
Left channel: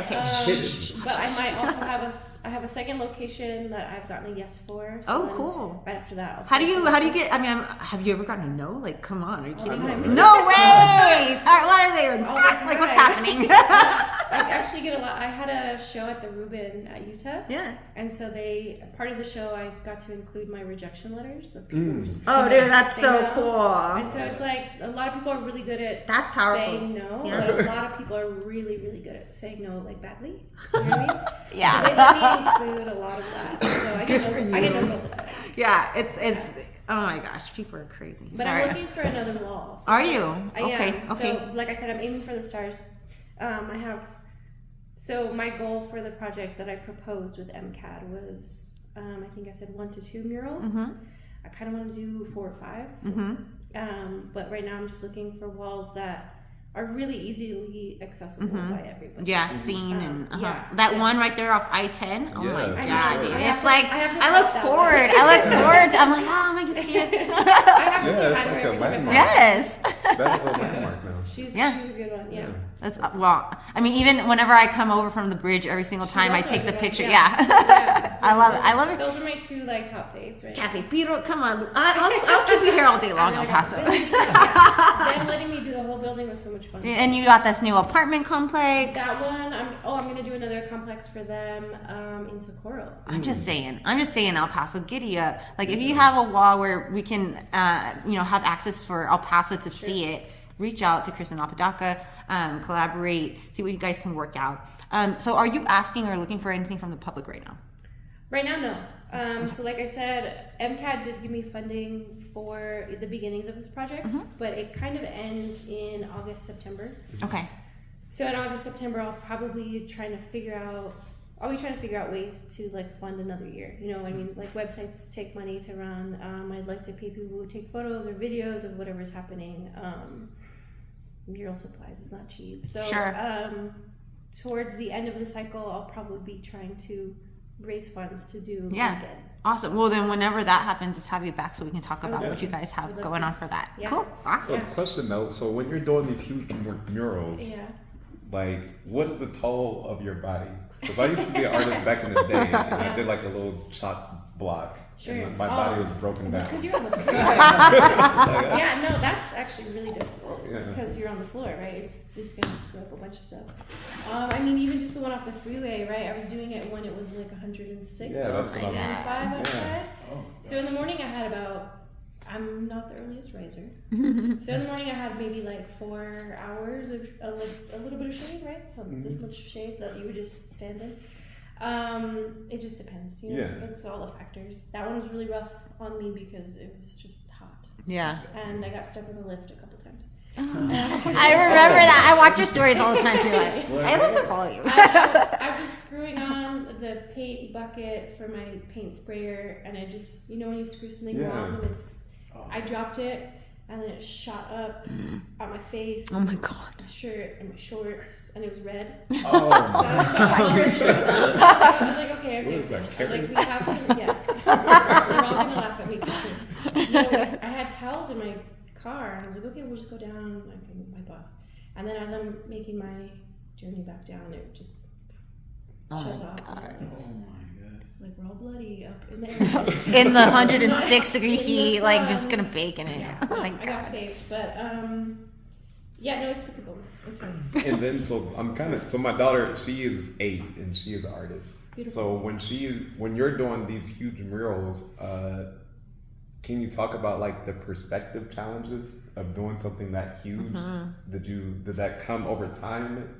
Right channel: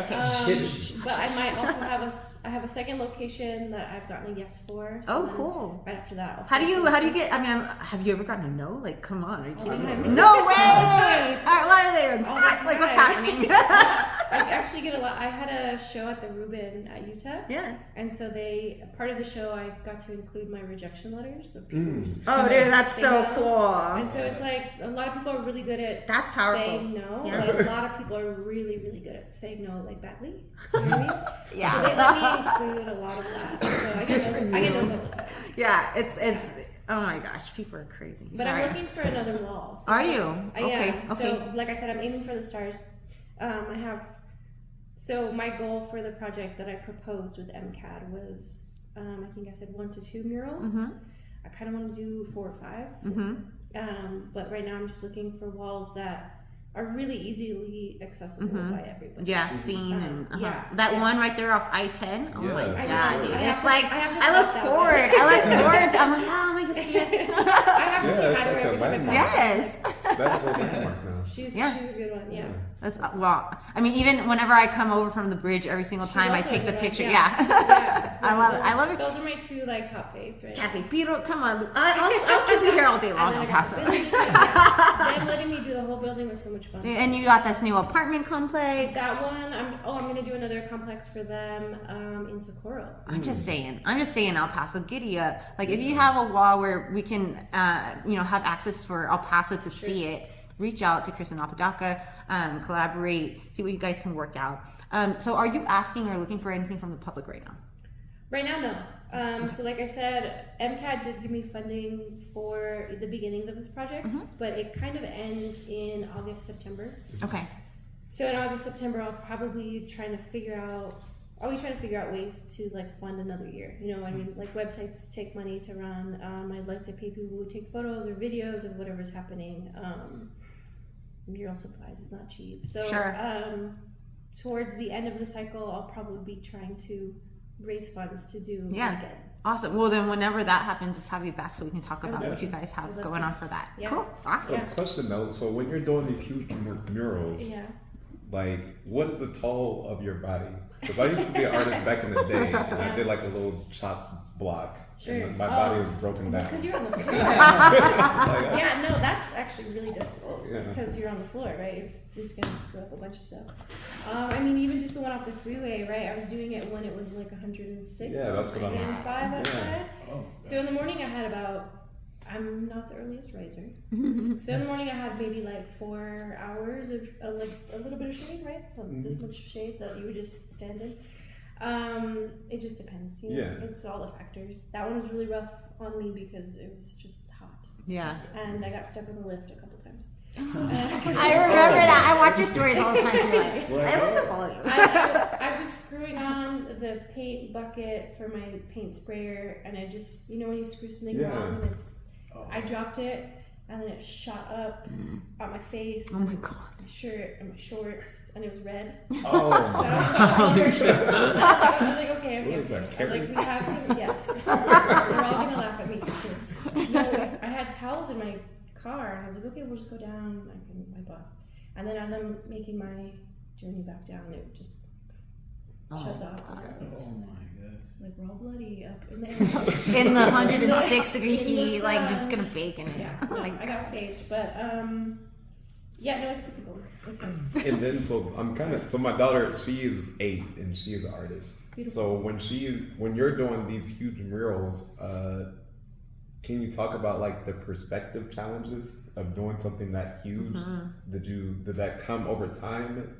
But I might also have a second location that I've gotten a yes for. So then cool. Right after that, How do you get, I mean, have you ever gotten a no? Like, come on, are you kidding me? time. No way! All right, what are they? All the Like, what's time. happening? I actually get a lot. I had a show at the Reuben at Utah. Yeah. And so part of the show, I got to include my rejection letters. So people just Oh, dude, that's say so no. cool. And so it's like, a lot of people are really good at That's powerful. saying no, Yeah. but a lot of people are really, really good at saying no, like, badly. You know what I mean? Yeah. So they let me include a lot of that. So I get those all the time. Yeah, it's oh my gosh, people are crazy. But Sorry. I'm looking for another wall. So Are you? Okay. So, like I said, I'm aiming for the stars. So my goal for the project that I proposed with MCAD was, I think I said 1 to 2 murals. I kind of want to do 4 or 5. But right now I'm just looking for walls that are really easily accessible by everybody. Yeah, seen and yeah, that yeah. one right there off I-10. Oh my Yeah. god, know. dude. I have It's to- like I have to I look stop that forward. one. I look forward. I'm like, oh, I can see it. I have to say Yeah, hi to her every it's time I like a pass. Yes. That's a landmark now. She's Yeah. a good one. Yeah. That's, well, I mean, even whenever I come over from the bridge, every single time I also take a the good one, picture. yeah. Yeah, I love it. I love it. Those are my 2 like top faves, right? Cafe Beetle, come on. I'll keep you here all day long, El Paso. Them letting me do the whole building was so much fun. And you got this new apartment complex. That one, I'm gonna do another complex for them in Socorro. I'm just saying, El Paso, giddy up. Like, if you have a wall where we can, have access for El Paso to see it, reach out to Christin Apodaca, collaborate, see what you guys can work out. So are you asking or looking for anything from the public right now? Right now, no. So like I said, MCAD did give me funding for the beginnings of this project, but it kind of ends in August, September. Okay. So in August, September, I'll be trying to figure out ways to like fund another year. You know, I mean, like websites take money to run. I'd like to pay people who take photos or videos of whatever's happening. Mural supplies is not cheap. So towards the end of the cycle, I'll probably be trying to raise funds to do again. Awesome. Well, then whenever that happens, let's have you back so we can talk about what you guys have going on for that. Yeah. Cool. Awesome. So question though, so when you're doing these huge murals, like what is the toll of your body? Because I used to be an artist back in the day, and I did like a little chop block. Sure. And my body was broken down. Because you're on the floor. Yeah, no, that's actually really difficult because you're on the floor, right? It's gonna screw up a bunch of stuff. I mean, even just the one off the freeway, right? I was doing it when it was like 106. Yeah, that's what I'm 105 outside. So in the morning I had I'm not the earliest riser. So in the morning I had maybe like 4 hours of like a little bit of shade, right? So this much shade that you would just stand in. It just depends, you know. It's all the factors. That one was really rough on me because it was just hot. Yeah. And I got stuck in the lift a couple times. I remember that. I watch your stories all the time too. I listen to follow you. I was screwing on the paint bucket for my paint sprayer, and I just, you know, when you screw something wrong, and I dropped it, and then it shot up on my face. Oh my god. My shirt and my shorts, and it was red. Oh. So I was like, okay, I'm okay. I was like, we have some, yes. We're all gonna laugh at me for sure. No, I had towels in my car, and I was like, okay, we'll just go down. I can wipe off. And then as I'm making my journey back down, it just shuts off. And I was like, Oh my god. like we're all bloody up in there. In the 106-degree In the heat, like sun. just gonna bake in it. Yeah, Oh no, my I god. got saved, but yeah, no, it's difficult. It's hard. And then so my daughter, she is 8 and she is an artist. Beautiful. So when you're doing these huge murals, can you talk about like the perspective challenges of doing something that huge? Did that come over time,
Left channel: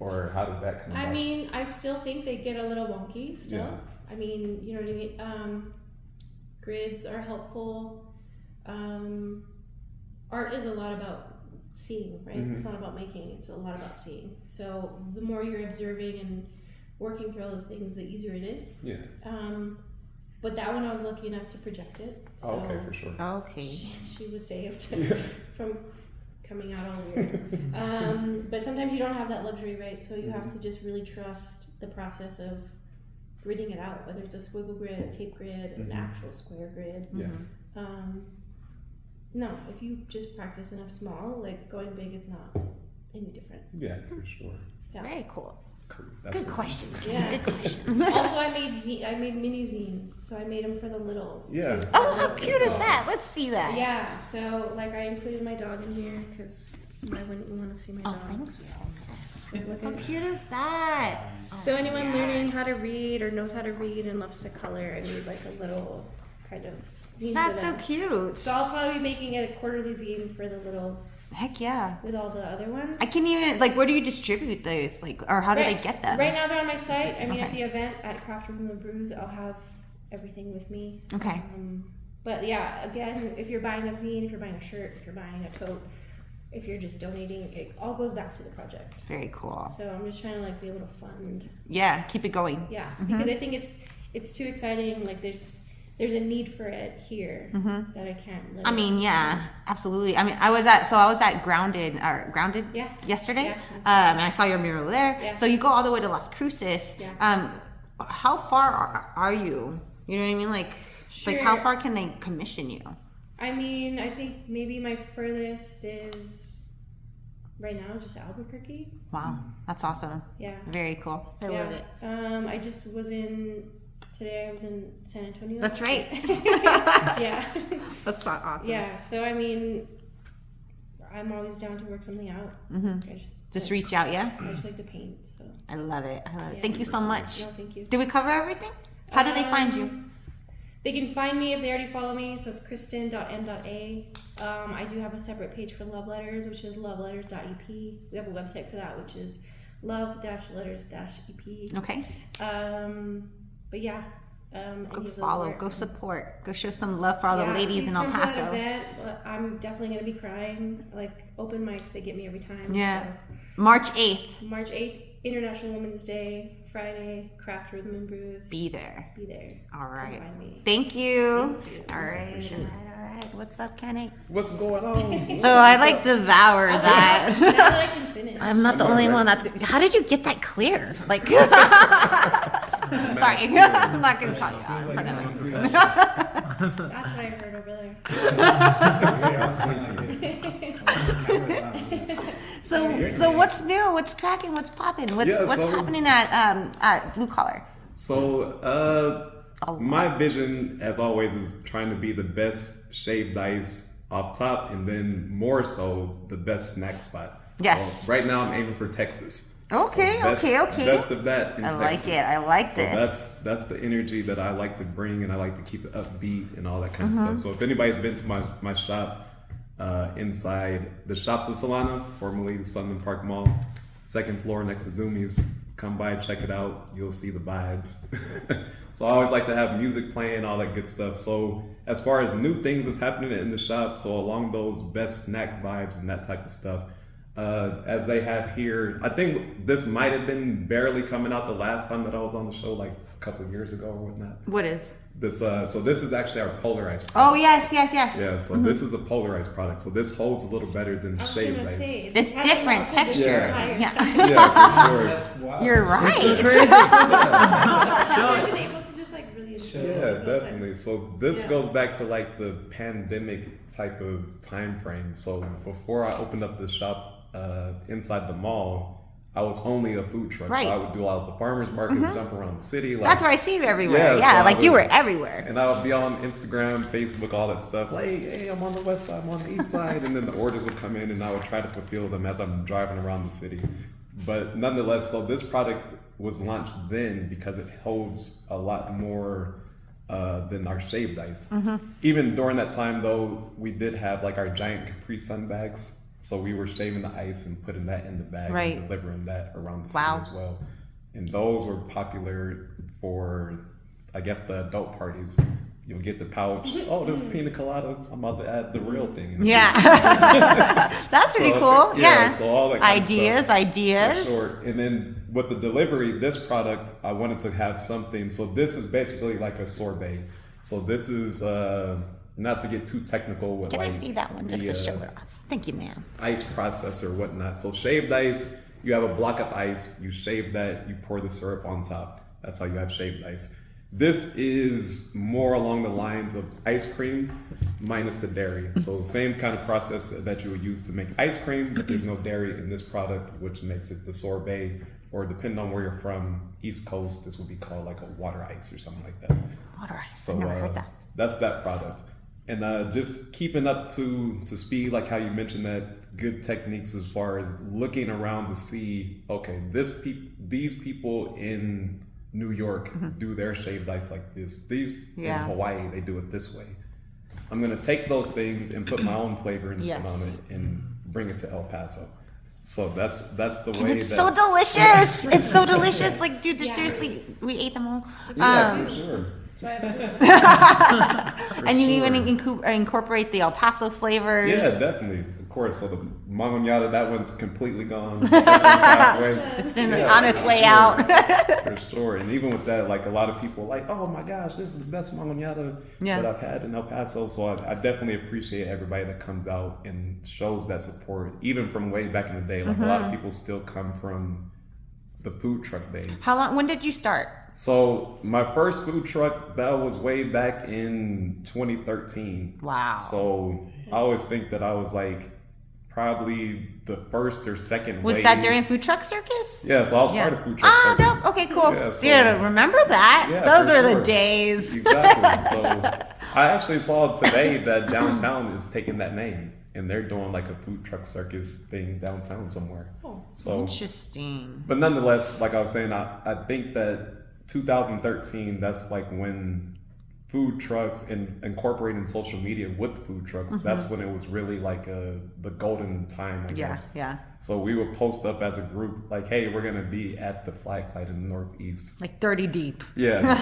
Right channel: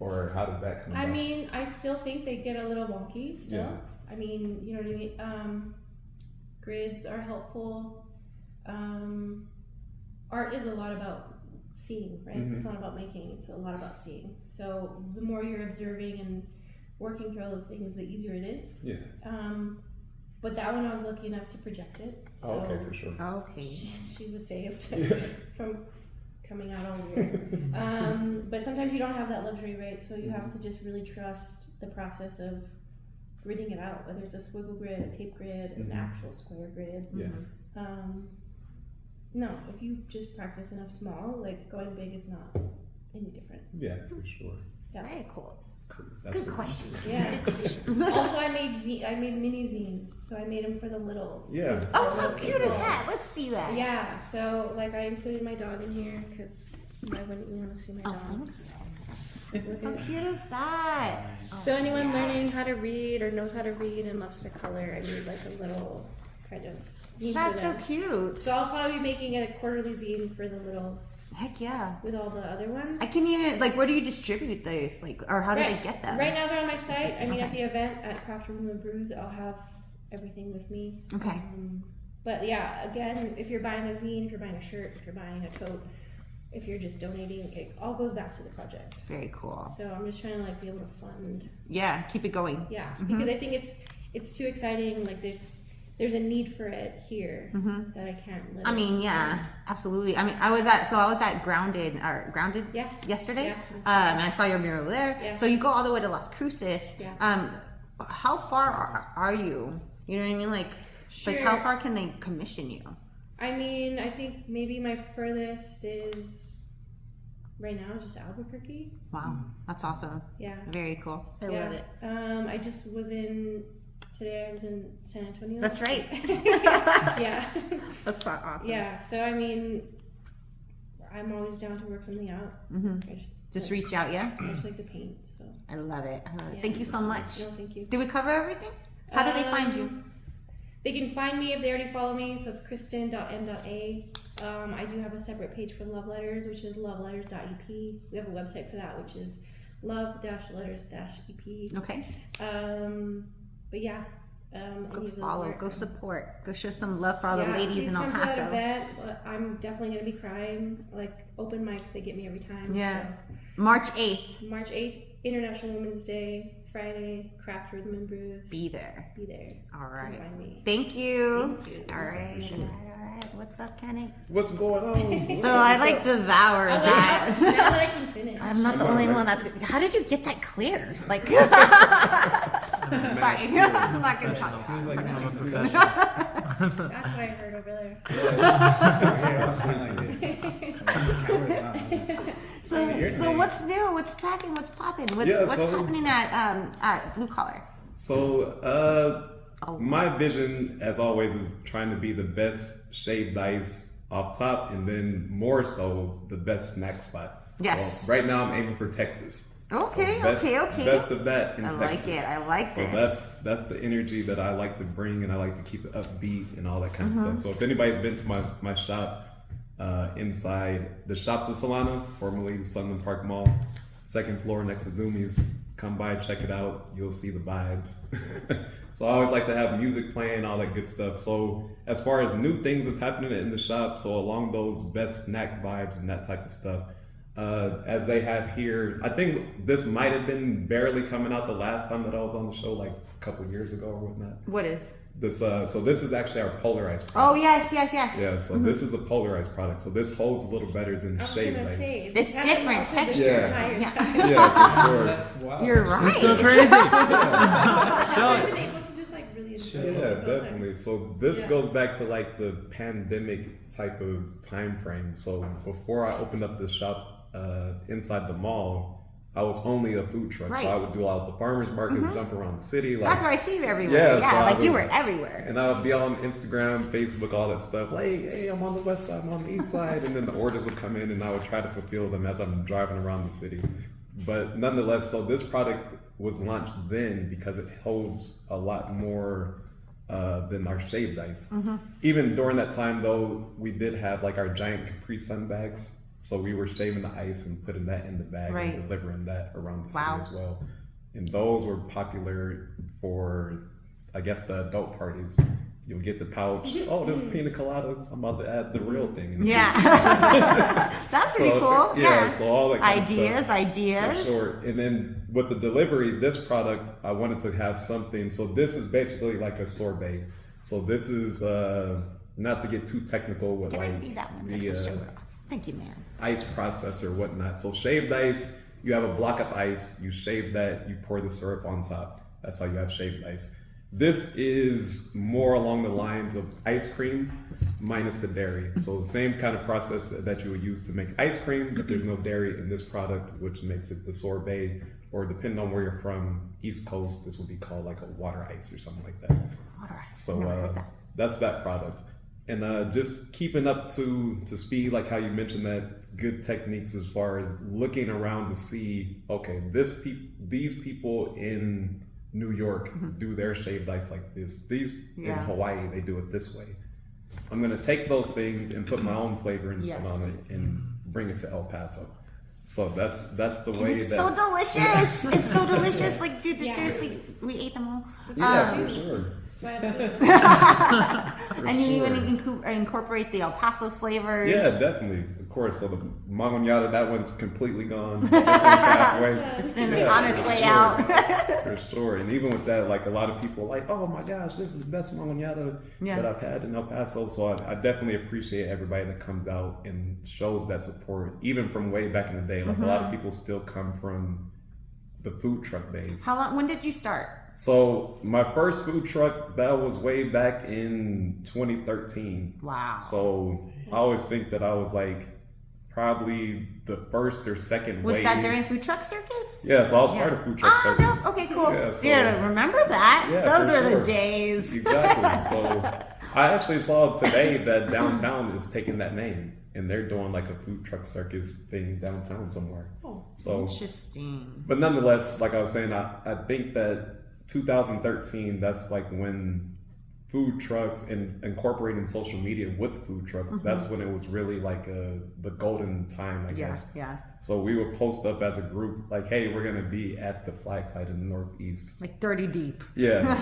or how did that come about? I mean, I still think they get a little wonky still. Yeah. I mean, you know what I mean? Grids are helpful. Art is a lot about seeing, right? It's not about making, it's a lot about seeing. So the more you're observing and working through all those things, the easier it is. Yeah. But that one I was lucky enough to project it. So Oh, okay, for sure. Okay. she was saved from coming out all weird. But sometimes you don't have that luxury, right? So you have to just really trust the process of gridding it out, whether it's a squiggle grid, a tape grid, an actual square grid. Yeah. No, if you just practice enough small, like going big is not any different. Yeah, for sure. Yeah. Very cool. That's Good what- questions. Yeah. Good questions. Also, I made mini zines, so I made them for the littles. Yeah. too, for Oh, the how little cute is people. that? Let's see that. Yeah, so like I included my dog in here because why wouldn't you want to see my Oh, dog? thank you. Look How at it. cute is that? So anyone learning how to read or knows how to read and loves to color, I made like a little kind of zine That's for so them. cute. So I'll probably be making a quarterly zine for the littles Heck yeah. with all the other ones. I can even, like, where do you distribute those? Like, or how do they get them? Right now they're on my site. I mean, at the event at Craft Rhythm Brews, I'll have everything with me. Okay. But yeah, again, if you're buying a zine, if you're buying a shirt, if you're buying a tote, if you're just donating, it all goes back to the project. Very cool. So I'm just trying to like be able to fund. Yeah, keep it going. Yeah, because I think it's too exciting. Like there's a need for it here that I can't live. I mean, yeah, absolutely. I mean, I was at Grounded yesterday. Yeah. And I saw your mural there. Yeah. So you go all the way to Las Cruces. Yeah. How far are you? You know what I mean? Like how Sure. far can they commission you? I mean, I think maybe my furthest is right now is just Albuquerque. Wow, that's awesome. Yeah. Very cool. I Yeah. love it. I just was today I was in San Antonio. That's right. Yeah. That's so awesome. Yeah. So I mean, I'm always down to work something out. I Just reach out, yeah? I just like to paint. So I love it. Yeah. Thank you so much. no, thank you. Did we cover everything? How do they find you? They can find me if they already follow me. So it's Christin.m.a. I do have a separate page for love letters, which is loveletters.ep. We have a website for that, which is love-letters-ep. Okay. But yeah, Go any of the follow, work. go support, go show some love for all the Yeah, ladies please in El come to that Paso. event. I'm definitely gonna be crying. Like open mics, they get me every time. Yeah. So. March 8th. March 8th, International Women's Day. Friday, Craft Rhythm Brews. Be there. Be there. All right. Come find me. Thank you. Thank you. All right. All right. What's up, Kenny? What's going on? So I like devour that. Now that I can finish. I'm not the only one that's. How did you get that clear? Like, sorry, I'm not gonna talk about it in front of everyone. That's what I heard over there. So what's new? What's cracking? What's popping? What's happening at Blue Collar? So, my vision, as always, is trying to be the best shaved ice off top, and then more so the best snack spot. Yes. So right now, I'm aiming for Texas. Okay, So best, okay. Best of that in I Texas. like it. I like So this. that's the energy that I like to bring, and I like to keep it upbeat and all that kind Mm-hmm. of stuff. So if anybody's been to my shop, inside the Shops of Solana, formerly the Sunland Park Mall, second floor next to Zoomies, come by, check it out. You'll see the vibes. So I always like to have music playing, all that good stuff. So as far as new things that's happening in the shop, so along those best snack vibes and that type of stuff, as they have here, I think this might have been barely coming out the last time that I was on the show, like a couple years ago or whatnot. What is? This so this is actually our polarized product. Oh yes. Yeah, so this is a polarized product. So this holds a little better than I was shaved gonna ice. say, It's having different also texture. the entire Yeah. time. Yeah, for sure. That's wild. You're right. I haven't been able to just like really enjoy it. Yeah, this whole time. definitely. So this Yeah. goes back to like the pandemic type of time frame. So before I opened up this shop inside the mall, I was only a food truck. Right. So I would do all the farmers market, jump around the city. Like, That's where I see you everywhere. Yeah, Yeah, so I like you would- were everywhere. and I would be on Instagram, Facebook, all that stuff. Like, hey, I'm on the west side, I'm on the east side. And then the orders would come in and I would try to fulfill them as I'm driving around the city. But nonetheless, so this product was launched then because it holds a lot more than our shaved ice. Even during that time though, we did have like our giant Capri Sun bags. So we were shaving the ice and putting that in the bag Right. and delivering that around the Wow. city as well. And those were popular for, I guess, the adult parties. You'll get the pouch. Oh, this pina colada. I'm about to add the real thing. Yeah. That's pretty So, cool. Yeah. So all that kind of stuff. Ideas. For sure. And then with the delivery, this product, I wanted to have something. So this is basically like a sorbet. So this is, not to get too technical with Can I like see that one just to show it off? Thank you, ma'am. ice process or whatnot. So shaved ice, you have a block of ice, you shave that, you pour the syrup on top. That's how you have shaved ice. This is more along the lines of ice cream minus the dairy. So the same kind of process that you would use to make ice cream, but there's no dairy in this product, which makes it the sorbet, or depending on where you're from, East Coast, this would be called like a water ice or something like that. Water ice. So I've never heard that. that's that product. And just keeping up to speed, like how you mentioned that, good techniques as far as looking around to see, okay, these people in New York do their shaved ice like this. These in Hawaii, they do it this way. I'm gonna take those things and put my own flavor and spin on it and bring it to El Paso. So that's the way It's that. so delicious. It's so delicious. Like, dude, seriously, we ate them all. Yeah, for sure. And you even incorporate the El Paso flavors. Yeah, definitely. Of course. So the mangonada, that one's completely gone. That one's halfway. It's on its way out. For sure. And even with that, like a lot of people are like, oh my gosh, this is the best mangonada that I've had in El Paso. So I definitely appreciate everybody that comes out and shows that support, even from way back in the day. Like a lot of people still come from the food truck days. When did you start? So my first food truck, that was way back in 2013. Wow. So I always think that I was like probably the first or second Was wave. that during Food Truck Circus? Yeah, so I was part of Food Truck Circus. No. Okay, cool. Yeah, so- Dude, remember that? Yeah, Those for were the sure. days. Exactly. So I actually saw today that downtown is taking that name. And they're doing like a Food Truck Circus thing downtown somewhere. Oh, so interesting. But nonetheless, like I was saying, I think that 2013, that's like when food trucks and incorporating social media with food trucks, that's when it was really like the golden time, I guess. Yeah. So we would post up as a group like, hey, we're going to be at the flag site in the Northeast. Like 30 deep. Yeah,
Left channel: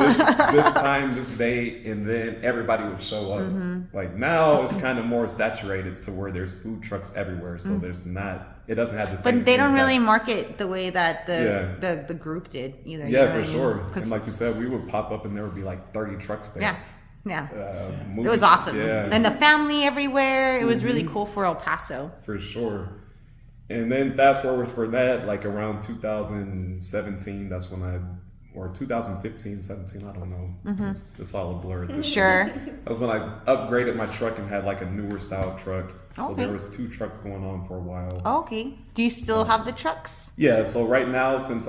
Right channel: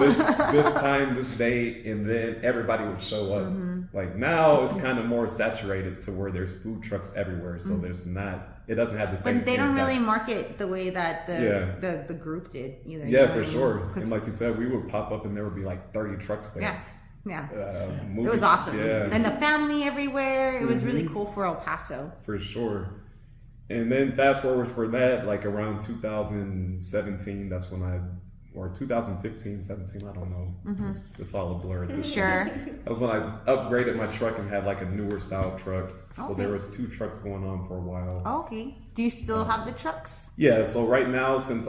this time, this day, and then everybody would show up. Like now it's kind of more saturated to where there's food trucks everywhere. So there's not, it doesn't have the same. But they don't impact. really market the way that the group did either. Yeah, for sure. And like you said, we would pop up and there would be like 30 trucks there. Yeah. It It was awesome. Yeah. And the family everywhere. It was really cool for El Paso. For sure. And then fast forward for that, like around 2017, that's when or 2015, 17, I don't know. It's all a blur. Sure. That was when I upgraded my truck and had like a newer style truck. So Okay. there was 2 trucks going on for a while. Okay. Do you still have the trucks? Yeah, so right now, since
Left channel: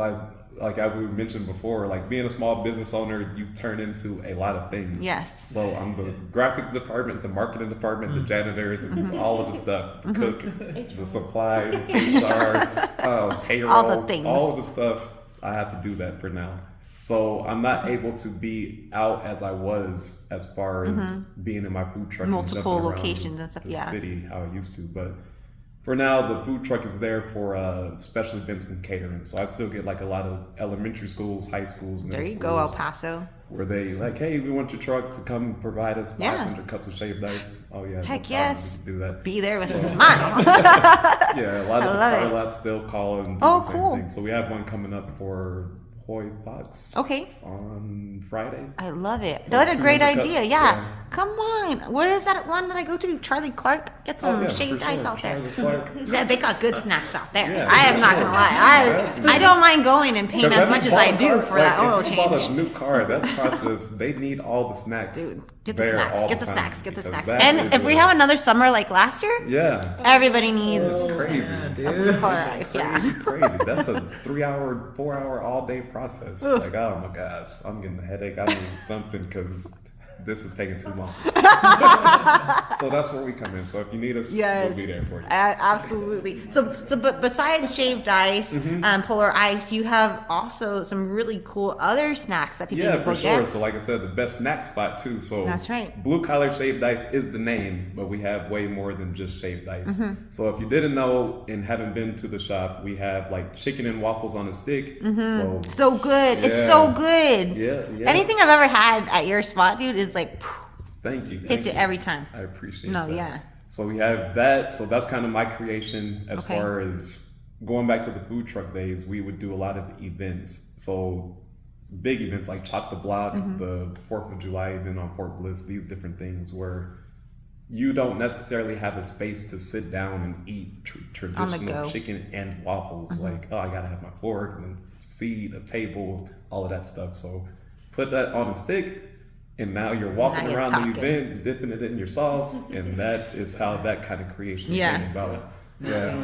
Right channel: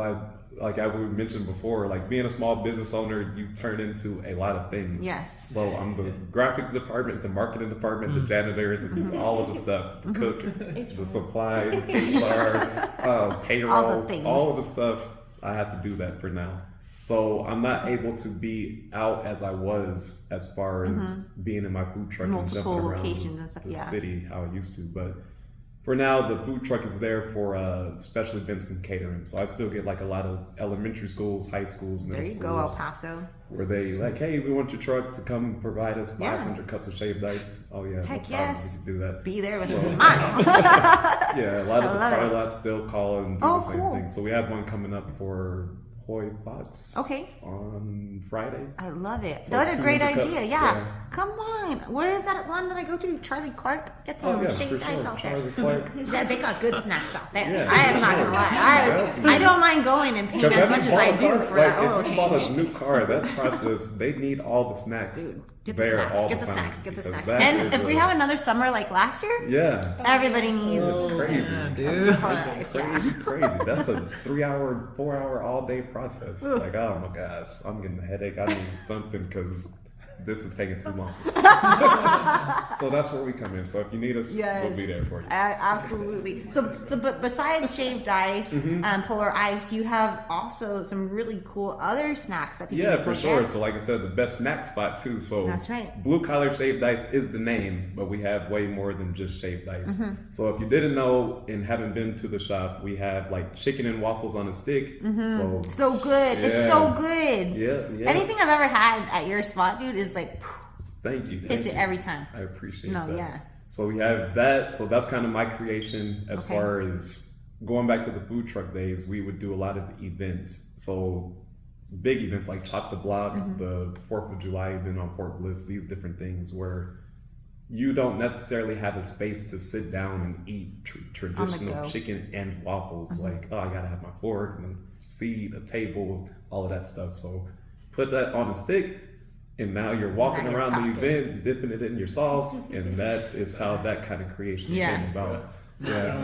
like I mentioned before, like being a small business owner, you turn into a lot of things. Yes. So I'm the graphics department, the marketing department, the janitor, all of the stuff, the cook, the supply, HR, payroll, All the things. all of the stuff. I have to do that for now. So I'm not able to be out as I was as far as being in my food truck Multiple and jumping around locations and stuff, the yeah. city how I used to, but. For now, the food truck is there for special events and catering. So I still get like a lot of elementary schools, high schools, middle There you schools. go, El Paso. Where they like, hey, we want your truck to come provide us Yeah. 500 cups of shaved ice. Oh yeah, Heck no problem, yes. we can do that. Be there with a smile. Yeah, a lot of the love car it. lots still call and do Oh, the same cool. thing. So we have one coming up for Hoy Fox. Okay. On Friday. I love it. So That's a great 200 cups, idea. Yeah. yeah. Come on. Where is that one that I go to? Charlie Clark? Get some Oh yeah, shaved for ice sure. out there. Charlie Clark. Yeah, they got good snacks out there. Yeah, I am not for gonna lie. Definitely. I don't mind going and paying 'Cause as have you much as bought I a do car? for Like, that oil if you bought change. a new car, that process, they need all the snacks. Dude, get the there snacks. all Get the time, snacks. Get the because snacks. that And is if we a- have another summer like last year, Yeah. everybody needs Crazy. dude. ice. Yeah. Crazy. That's a 3-hour, 4-hour all day process. Like, oh my gosh, I'm getting a headache. I need something because this is taking too long. So that's where we come in. So if you need us, we'll be there for you. Absolutely. So, but besides shaved ice, polar ice, you have also some really cool other snacks that people Yeah, can for go get. sure. So like I said, the best snack spot too. So That's right. Blue Collar Shaved Ice is the name, but we have way more than just shaved ice. So if you didn't know and haven't been to the shop, we have like chicken and waffles on a stick. So So good. It's Yeah. so good. yeah. Anything I've ever had at your spot, dude, is like Thank you. hits thank it you. every time. I appreciate No, that. yeah. So we have that. So that's kind of my creation as Okay. far as going back to the food truck days. We would do a lot of events. So big events like Chop the Block, the 4th of July event on Fort Bliss, these different things where you don't necessarily have a space to sit down and eat traditional go. chicken and waffles. Like, oh, I gotta have my fork and a seat, a table, all of that stuff. So put that on a stick. And now you're walking Now you're around talking. the event, dipping it in your sauce, and that is how that kind of creation Yeah. came about. Yeah.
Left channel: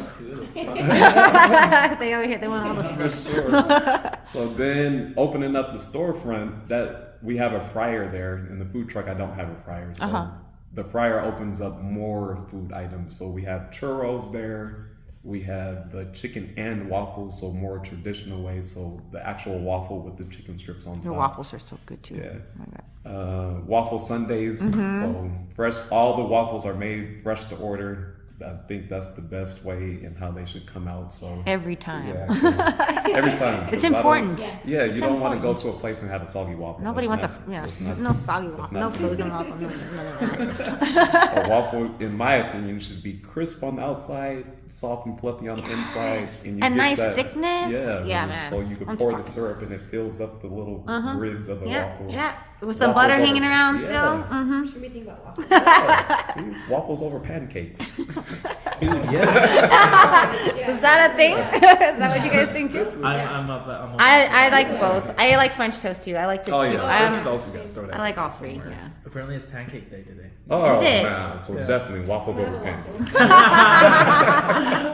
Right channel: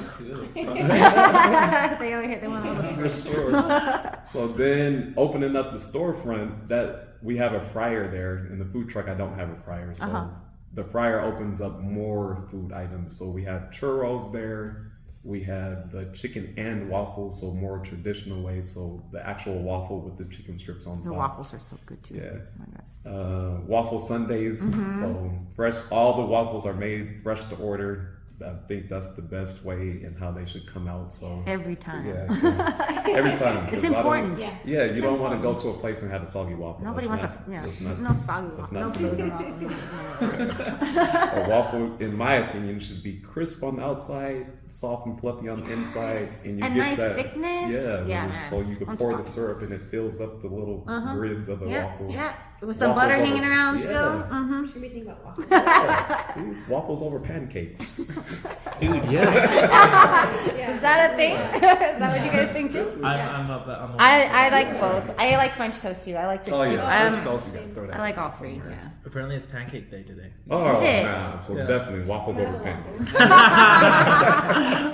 They over here, they want all the For sure. So then opening up the storefront, that we have a fryer there. In the food truck, I don't have a fryer. So the fryer opens up more food items. So we have churros there. We have the chicken and waffles, so more traditional way. So the actual waffle with the chicken strips on The top. waffles are so good too. Yeah. Oh my God. Waffle Sundays. So fresh, all the waffles are made fresh to order. I think that's the best way and how they should come out. So Every time. yeah, 'cause every time. 'cause It's I don't- important. Yeah, you It's don't want to go important. to a place and have a soggy waffle. Nobody That's wants not- that's a not- no soggy that's waffle, no not good. frozen waffle. No. A waffle, in my opinion, should be crisp on the outside, soft and fluffy on the inside, and you And get nice that, thickness. Yeah, Yeah, and man. so you can I'm pour the talking. syrup and it fills up the little grids of the Yeah, waffle. yeah. With some Waffles butter over- hanging around yeah. still. Mm-hmm. Should be thinking about waffles. Yeah, see, waffles over pancakes. Dude, yeah. Is that a thing? Is that what you guys think too? I'm I like both. I like French toast too. I like to. Oh keep, yeah, French toast, you gotta throw that I like in all three. somewhere. Yeah. Apparently it's pancake day today. Oh, Is it? nah, so definitely waffles over pancakes.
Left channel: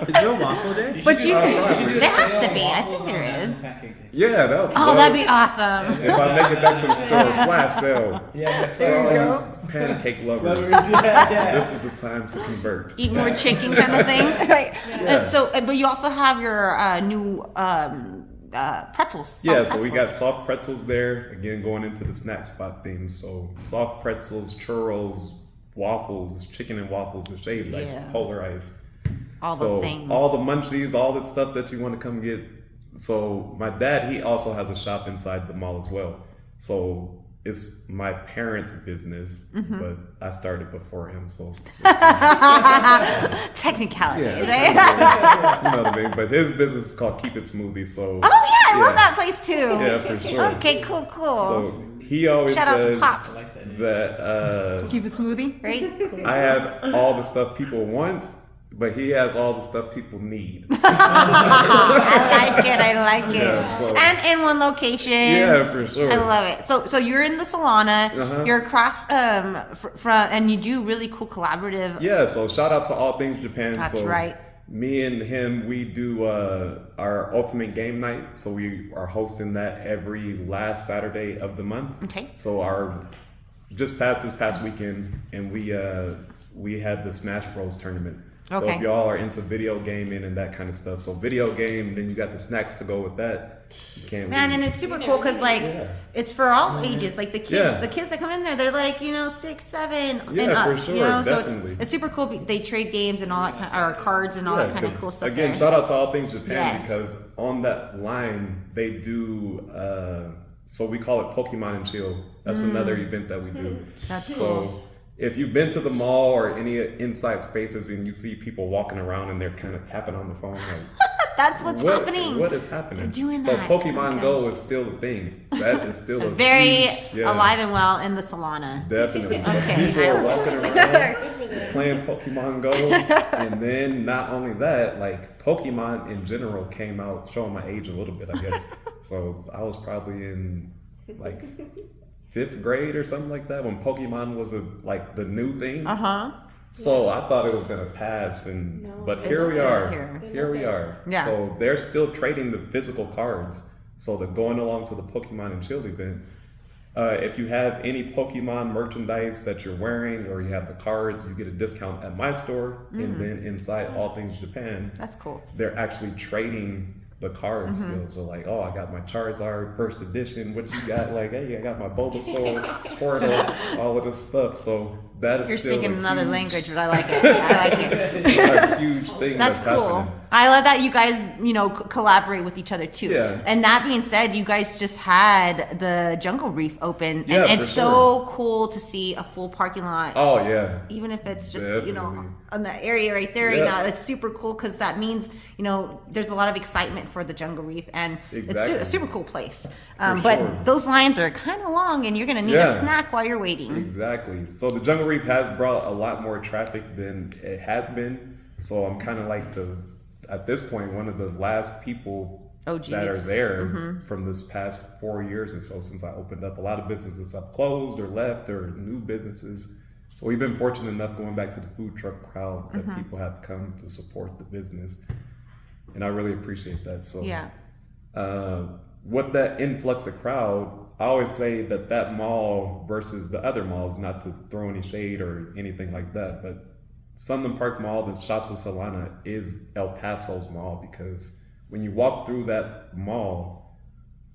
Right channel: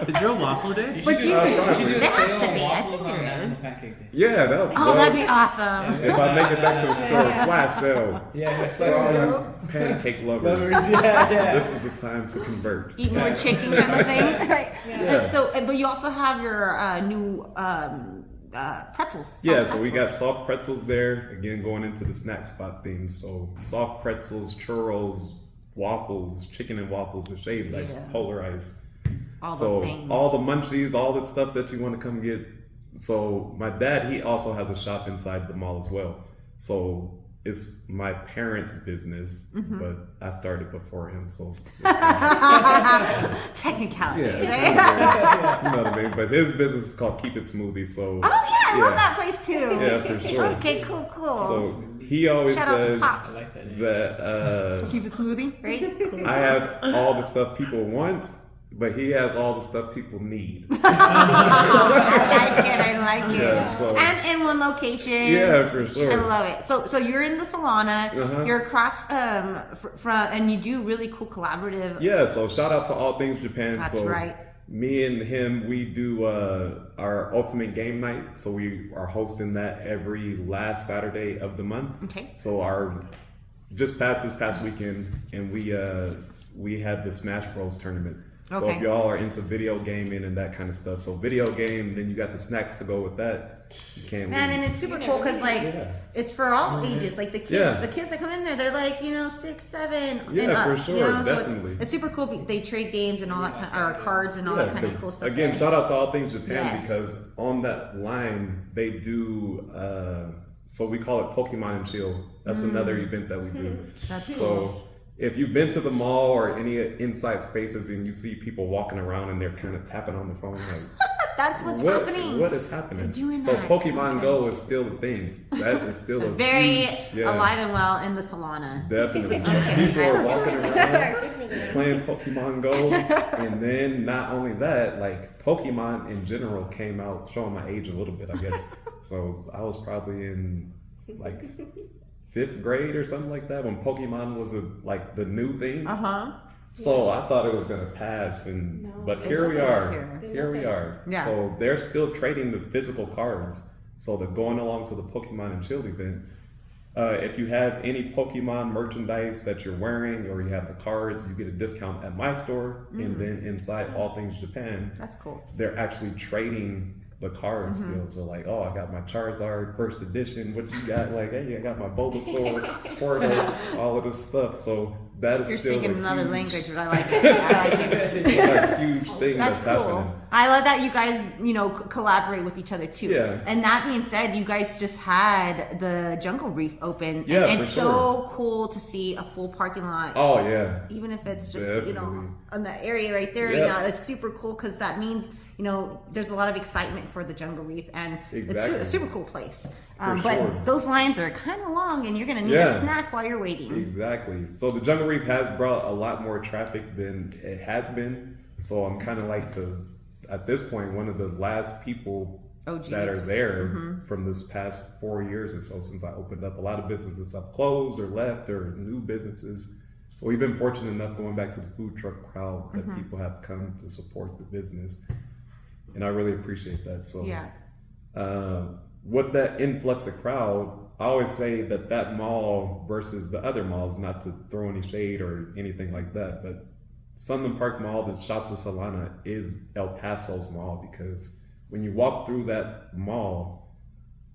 Is there a waffle day? But you, probably. there has to be. I think there is. Yeah, that. Oh, that'd be awesome. If I make it back to the store, flash sale. Yeah, For all you pancake lovers, yeah. this is the time to convert. Eat more chicken kind of thing, right? Yeah. And so, but you also have your new pretzels. Yeah, so we got soft pretzels there. Again, going into the snack spot theme. So soft pretzels, churros, waffles, chicken and waffles, and shaved ice, polar ice. All the things. All the munchies, all the stuff that you want to come get. So my dad, he also has a shop inside the mall as well. So it's my parents' business, but I started before him, so it's technicalities, right? You know what I mean? But his business is called Keep It Smoothie. So I love that place too. Yeah, for sure. Okay, cool. So he always Shout out to says Pops. that Keep It Smoothie, right? I have all the stuff people want, but he has all the stuff people need. I like it. Yeah, so, and in one location. Yeah, for sure. I love it. So you're in the Solana. You're across from, and you do really cool collaborative. Yeah. So shout out to All Things Japan. That's so right. Me and him, we do our ultimate game night. So we are hosting that every last Saturday of the month. Okay. So just past this past weekend, and we had the Smash Bros tournament. So if y'all are into video gaming and that kind of stuff, so video game, then you got the snacks to go with that. You can't and it's super cool because it's for all ages. Like the kids that come in there, they're like 6, 7, and up. For sure, So definitely. it's super cool. They trade games and all that or cards and all that kind of cool stuff. Again, there. shout out to All Things Japan because on that line they do. So we call it Pokemon and Chill. That's another event that we do. That's so. cool. If you've been to the mall or any inside spaces and you see people walking around and they're kind of tapping on the phone, like that's what's happening. What is happening? They're doing so that. Pokemon Go is still a thing. That is still a very huge, alive and well in the Solana. Definitely. So people are walking around playing Pokemon Go, and then not only that, like Pokemon in general came out, showing my age a little bit, I guess. So I was probably in like 5th grade or something like that when Pokemon was like the new thing. So I thought it was gonna pass, but here we are. Here we are. Yeah. So they're still trading the physical cards. So they're going along to the Pokemon and Chill event. If you have any Pokemon merchandise that you're wearing or you have the cards, you get a discount at my store. And then inside All Things Japan, that's cool. They're actually trading the cards still. So like, oh, I got my Charizard first edition. What you got? Like, hey, I got my Bulbasaur, Squirtle, all of this stuff. So that is You're still speaking another huge, language, but I like it. I like it. a huge thing That's that's cool. happening. I love that you guys, collaborate with each other too. Yeah. And that being said, you guys just had the Jungle Reef open. Yeah, and for it's so cool to see a full parking lot. Oh yeah. Even if it's just, Definitely. on the area right there right now, it's super cool because that means, there's a lot of excitement for the Jungle Reef and it's a super cool place. But sure. those lines are kind of long and you're going to need a snack while you're waiting. Exactly. So the Jungle Reef has brought a lot more traffic than it has been. So I'm kind of like at this point, one of the last people that are there from this past 4 years or so since I opened up. A lot of businesses have closed or left or new businesses. So we've been fortunate enough going back to the food truck crowd that people have come to support the business. And I really appreciate that. So with that influx of crowd, I always say that mall versus the other malls, not to throw any shade or anything like that, but Sunland Park Mall, the Shops of Solana, is El Paso's mall because when you walk through that mall,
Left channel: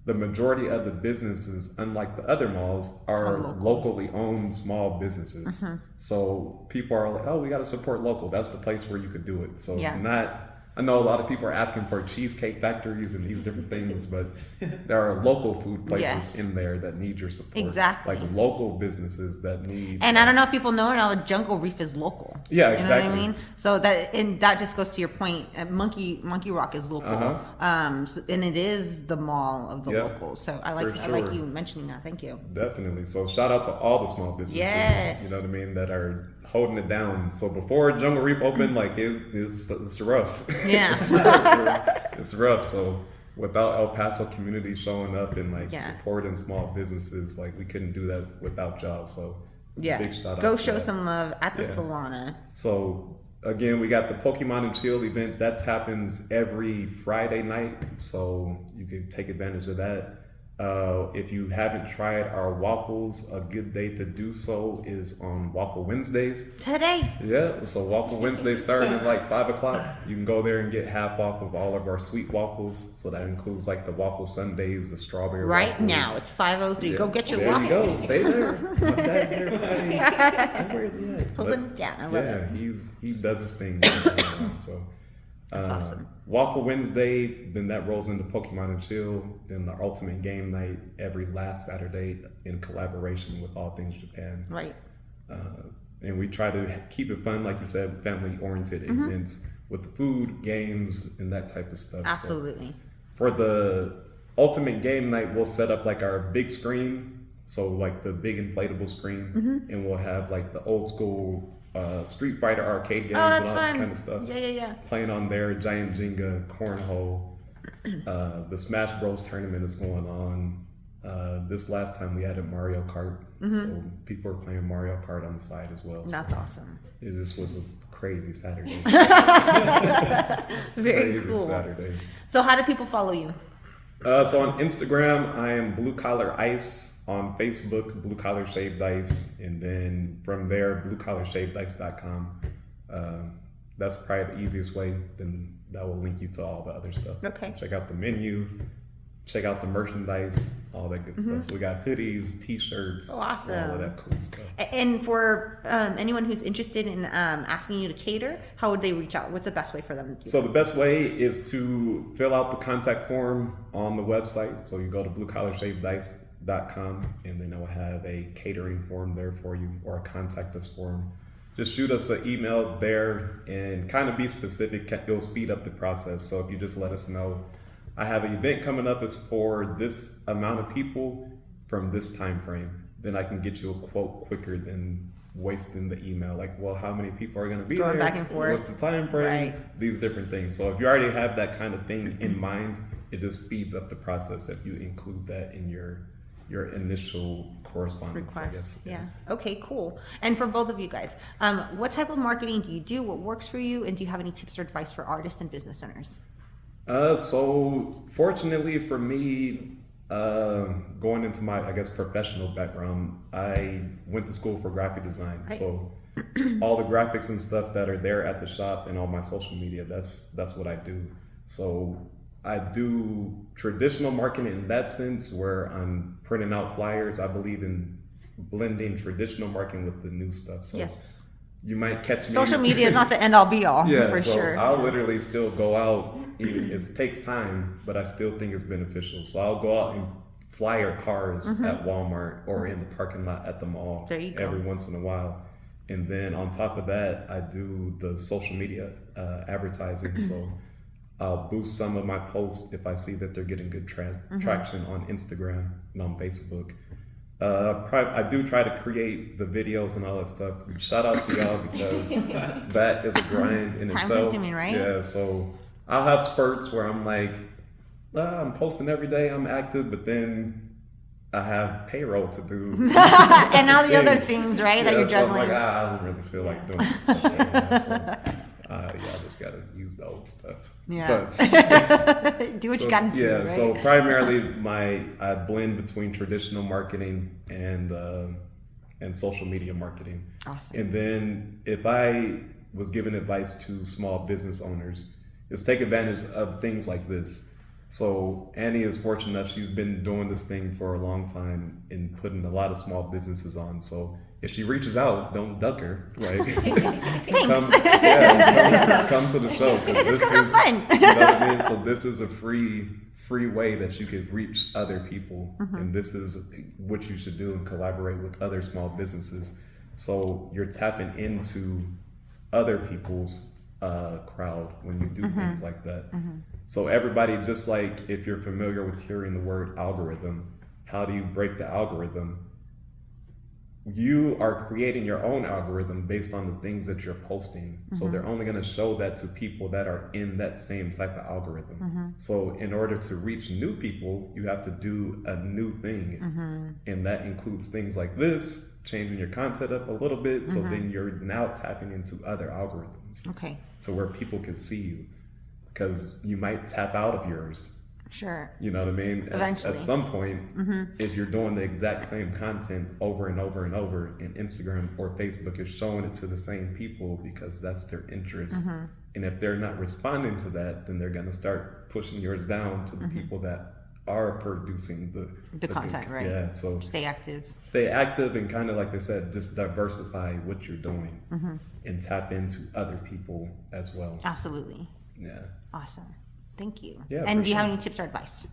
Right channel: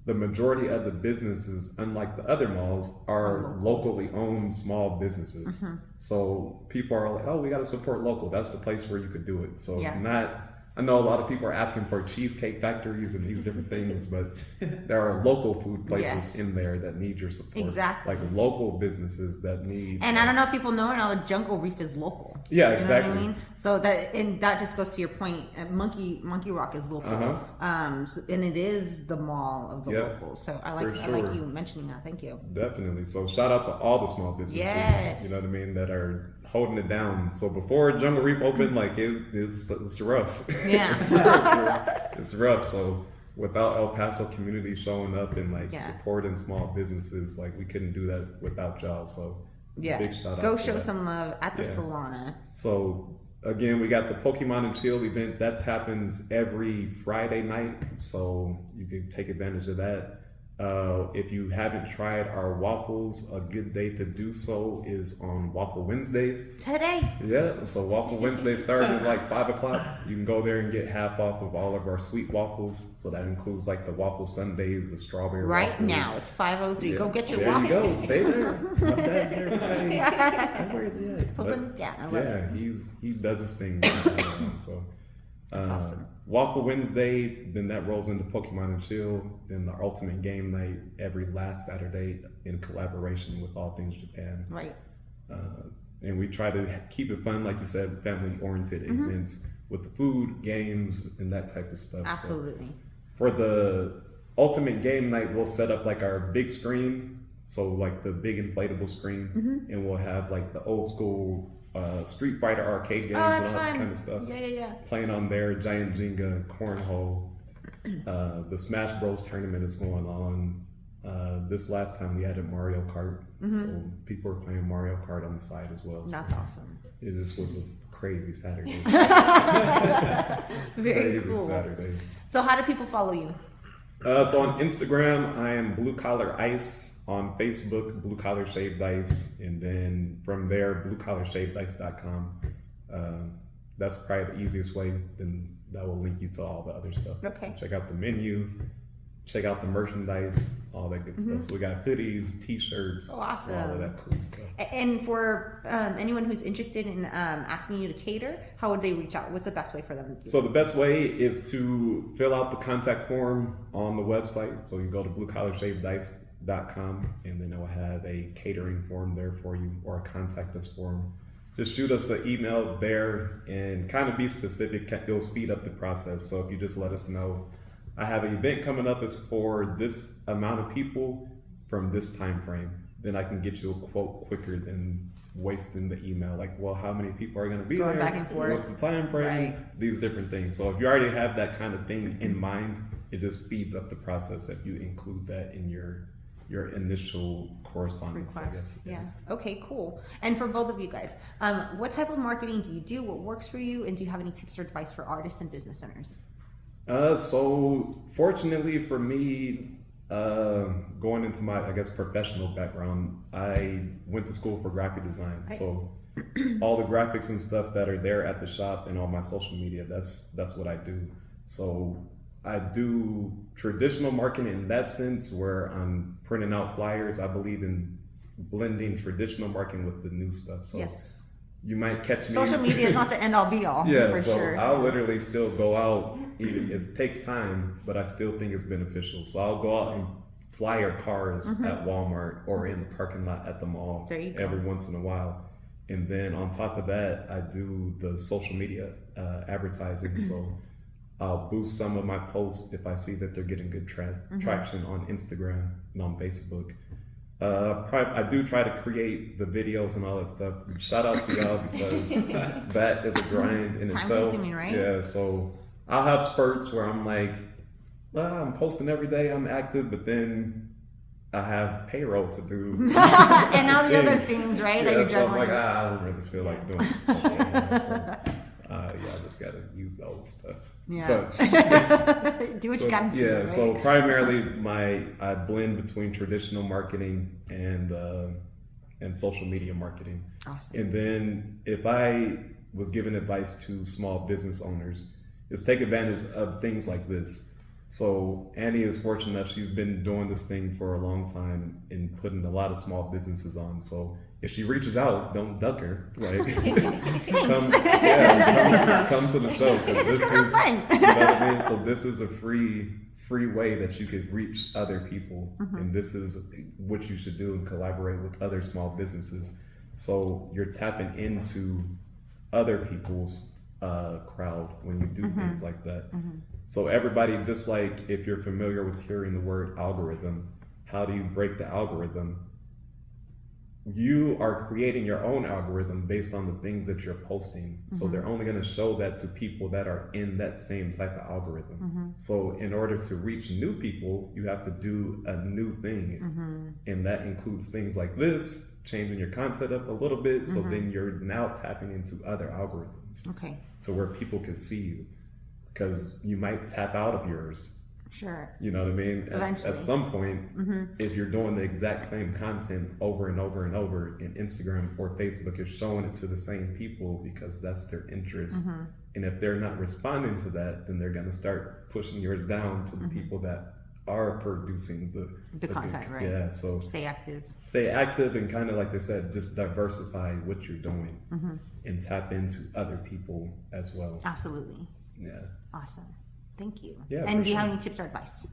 the majority of the businesses, unlike the other malls, are locally owned small businesses. So people are like, oh, we got to support local. That's the place where you could do it. So it's not, I know a lot of people are asking for cheesecake factories and these different things, but there are local food places in there that need your support. Exactly. Like local businesses that need. And I don't know if people know or not, Jungle Reef is local. Yeah, exactly. You know what I mean? So that just goes to your point. Monkey Rock is local. And it is the mall of the locals. So I like you mentioning that. Thank you. Definitely. So shout out to all the small businesses. Yes. You know what I mean? That are holding it down. So before Jungle Reef opened, like it's rough. Yeah. It's rough. So without El Paso community showing up and supporting small businesses, like we couldn't do that without y'all. So big shout out. Go show some love at the Solana. So again, we got the Pokemon and Chill event. That happens every Friday night. So you can take advantage of that. If you haven't tried our waffles, a good day to do so is on Waffle Wednesdays. Today. Yeah, so Waffle Wednesdays starting at like 5 o'clock. You can go there and get half off of all of our sweet waffles. So that includes like the waffle sundaes, the strawberry Right waffles. now, it's 5:03. Go get your there waffles. There you go. Stay there. My dad's there today. Where is he at? Hold them down. I love it. He does his thing. So. That's awesome. Waffle Wednesday, then that rolls into Pokemon and Chill, then the Ultimate Game Night every last Saturday in collaboration with All Things Japan. Right. And we try to keep it fun, like you said, family-oriented events with the food, games, and that type of stuff. Absolutely. So for the Ultimate Game Night, we'll set up like our big screen, so like the big inflatable screen, and we'll have like the old school Street Fighter arcade games and all that kind of stuff. Yeah. Playing on there, Giant Jenga, Cornhole. The Smash Bros tournament is going on. This last time we had a Mario Kart, so people are playing Mario Kart on the side as well. That's awesome. It just was a crazy Saturday. Very crazy cool. Saturday. So how do people follow you? So on Instagram, I am Blue Collar Ice. On Facebook, Blue Collar Shaved Ice, and then from there, bluecollarshavedice.com. That's probably the easiest way. Then that will link you to all the other stuff. Okay. Check out the menu, check out the merchandise, all that good stuff. So we got hoodies, t-shirts, Awesome. all of that cool stuff. And for anyone who's interested in asking you to cater, how would they reach out? What's the best way for them to do So the best way is to fill out the contact form on the website. So you go to bluecollarshavedice.com, and then it will have a catering form there for you, or a contact us form. Just shoot us an email there and kind of be specific. It'll speed up the process. So if you just let us know, I have an event coming up, it's for this amount of people from this time frame, then I can get you a quote quicker than wasting the email. Like, well, how many people are going to be Going there? back and forth. What's the time frame? Right. These different things. So if you already have that kind of thing in mind, it just speeds up the process if you include that in your initial correspondence, I guess. Yeah. Okay, cool. And for both of you guys, what type of marketing do you do? What works for you? And do you have any tips or advice for artists and business owners? So fortunately for me, going into my, I guess, professional background, I went to school for graphic design. Right. So all the graphics and stuff that are there at the shop and on my social media, that's what I do. So I do traditional marketing in that sense, where I'm printing out flyers. I believe in blending traditional marketing with the new stuff. So Yes. you might catch me. Social media is not the end all be all, Yeah, for so sure. I'll literally still go out. It takes time, but I still think it's beneficial. So I'll go out and flyer cars at Walmart or in the parking lot at the mall There you go. every once in a while. And then on top of that, I do the social media advertising. So I'll boost some of my posts if I see that they're getting good traction on Instagram and on Facebook. I do try to create the videos and all that stuff. Shout out to y'all, because that is a grind in Time itself. consuming, right? Yeah, so I'll have spurts where I'm like, I'm posting every day, I'm active, but then I have payroll to do. And all the other things, right, that you're so I'm juggling. like, I don't really feel like doing this stuff anymore. So, I just gotta use the old stuff. Yeah. But, Do what you gotta do, yeah, right? so primarily I blend between traditional marketing and social media marketing. Awesome. And then if I was giving advice to small business owners, is take advantage of things like this. So Annie is fortunate enough, she's been doing this thing for a long time and putting a lot of small businesses on. So if she reaches out, don't duck her. Like, come to the show, because this is fun. You know what I mean? So this is a free way that you could reach other people, and this is what you should do and collaborate with other small businesses. So you're tapping into other people's crowd when you do things like that. So everybody, just like if you're familiar with hearing the word algorithm, how do you break the algorithm? You are creating your own algorithm based on the things that you're posting. So they're only going to show that to people that are in that same type of algorithm. So in order to reach new people, you have to do a new thing. And that includes things like this, changing your content up a little bit. So then you're now tapping into other algorithms. Okay. To where people can see you. Because you might tap out of yours Sure. You know what I mean? Eventually. At some point, if you're doing the exact same content over and over and over, and Instagram or Facebook is showing it to the same people because that's their interest. And if they're not responding to that, then they're going to start pushing yours down to the people that are producing the content, right? Yeah, so Stay active. Stay active and kind of like they said, just diversify what you're doing and tap into other people as well. Absolutely. Yeah. Awesome. Thank you. Yeah, and for do you have sure. any tips or advice?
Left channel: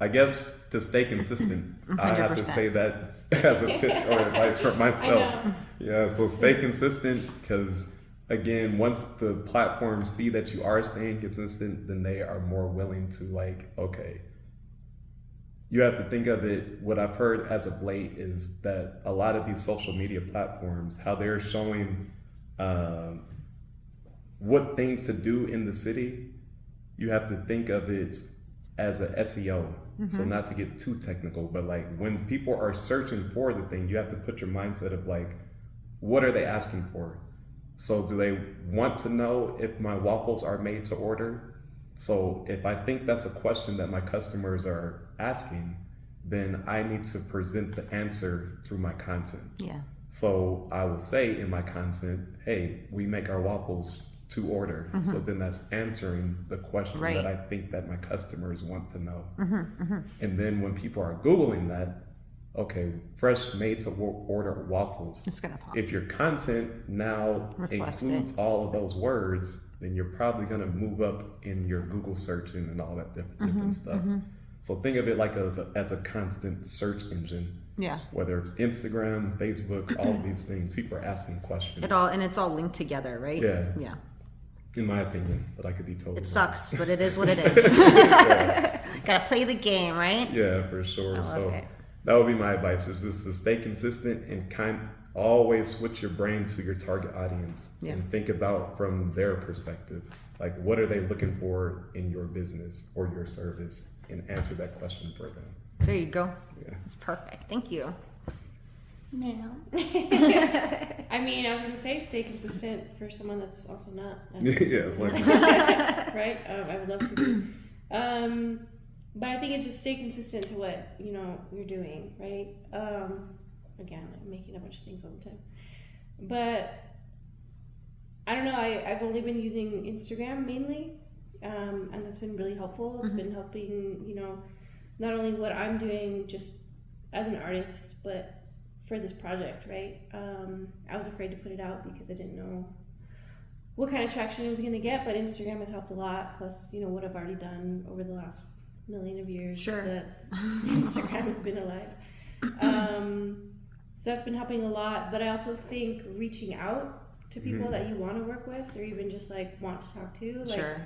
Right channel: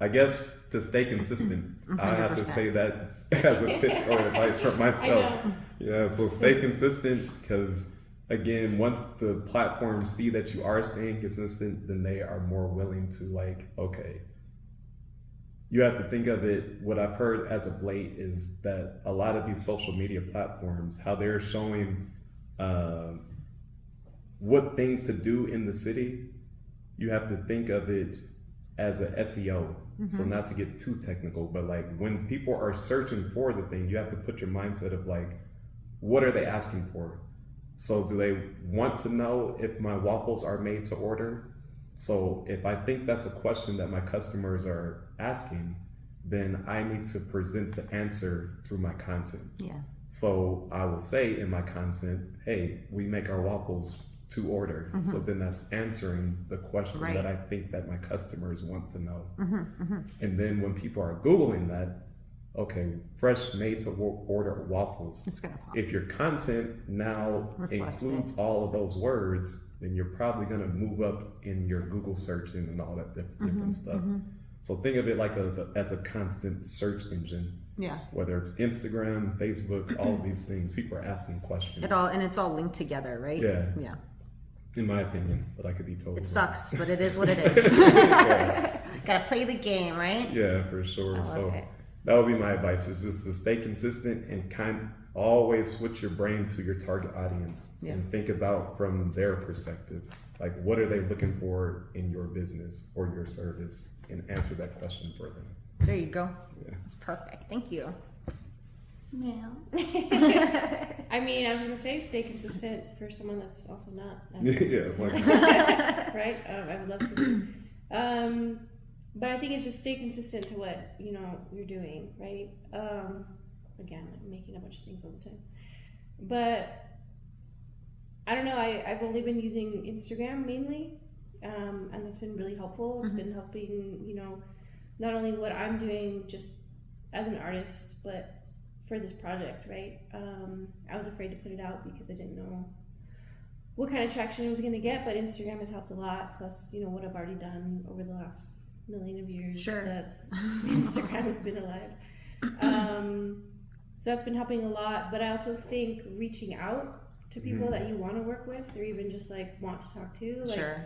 I guess to stay consistent. I have to 100%. say that as a tip or advice for myself. know. Yeah, so stay consistent because again, once the platforms see that you are staying consistent, then they are more willing to like, okay. You have to think of it, what I've heard as of late is that a lot of these social media platforms, how they're showing what things to do in the city, you have to think of it as a SEO. So not to get too technical, but like when people are searching for the thing, you have to put your mindset of like, what are they asking for? So do they want to know if my waffles are made to order? So if I think that's a question that my customers are asking, then I need to present the answer through my content. Yeah. So I will say in my content, hey, we make our waffles to order. So then that's answering the question Right. that I think that my customers want to know. And then when people are Googling that, okay, fresh made to order waffles. It's going to pop. If your content now Reflects includes all of those words, then you're probably going to move up in your Google searching and all that different stuff. So think of it like as a constant search engine. Yeah. Whether it's Instagram, Facebook, all of these things, people are asking questions. It's all linked together, right? Yeah. Yeah. In my opinion, but I could be totally It wrong. sucks, but it is what it is. Gotta play the game, right? Yeah, for sure. So it. that would be my advice: is just to stay consistent and always switch your brain to your target audience and think about from their perspective, like what are they looking for in your business or your service, and answer that question for them. There you go. Yeah. It's perfect. Thank you. Now. I mean, I was gonna say stay consistent for someone that's also not. Yeah, As it's consistent. Right? I would love to be. But I think it's just stay consistent to what you're doing, right? Again, like making a bunch of things all the time. But I don't know. I've only been using Instagram mainly, and that's been really helpful. It's been helping, not only what I'm doing just as an artist, but for this project, right? I was afraid to put it out because I didn't know what kind of traction it was going to get, but Instagram has helped a lot. Plus, what I've already done over the last million of years that Instagram has been alive. So that's been helping a lot. But I also think reaching out to people that you want to work with, or even just like want to talk to. Like,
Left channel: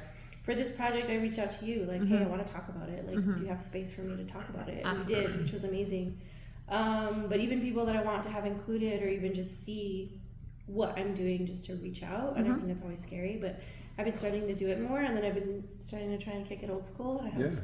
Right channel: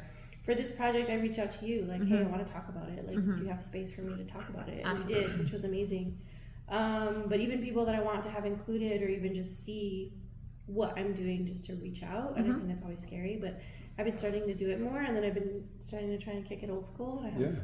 for this project, I reached out to you, like, hey, I want to talk about it. Like, do you have space for me to talk about it? And we did, which was amazing. But even people that I want to have included, or even just see what I'm doing, just to reach out. And I think that's always scary, but I've been starting to do it more. And then I've been starting to try and kick it old school. I have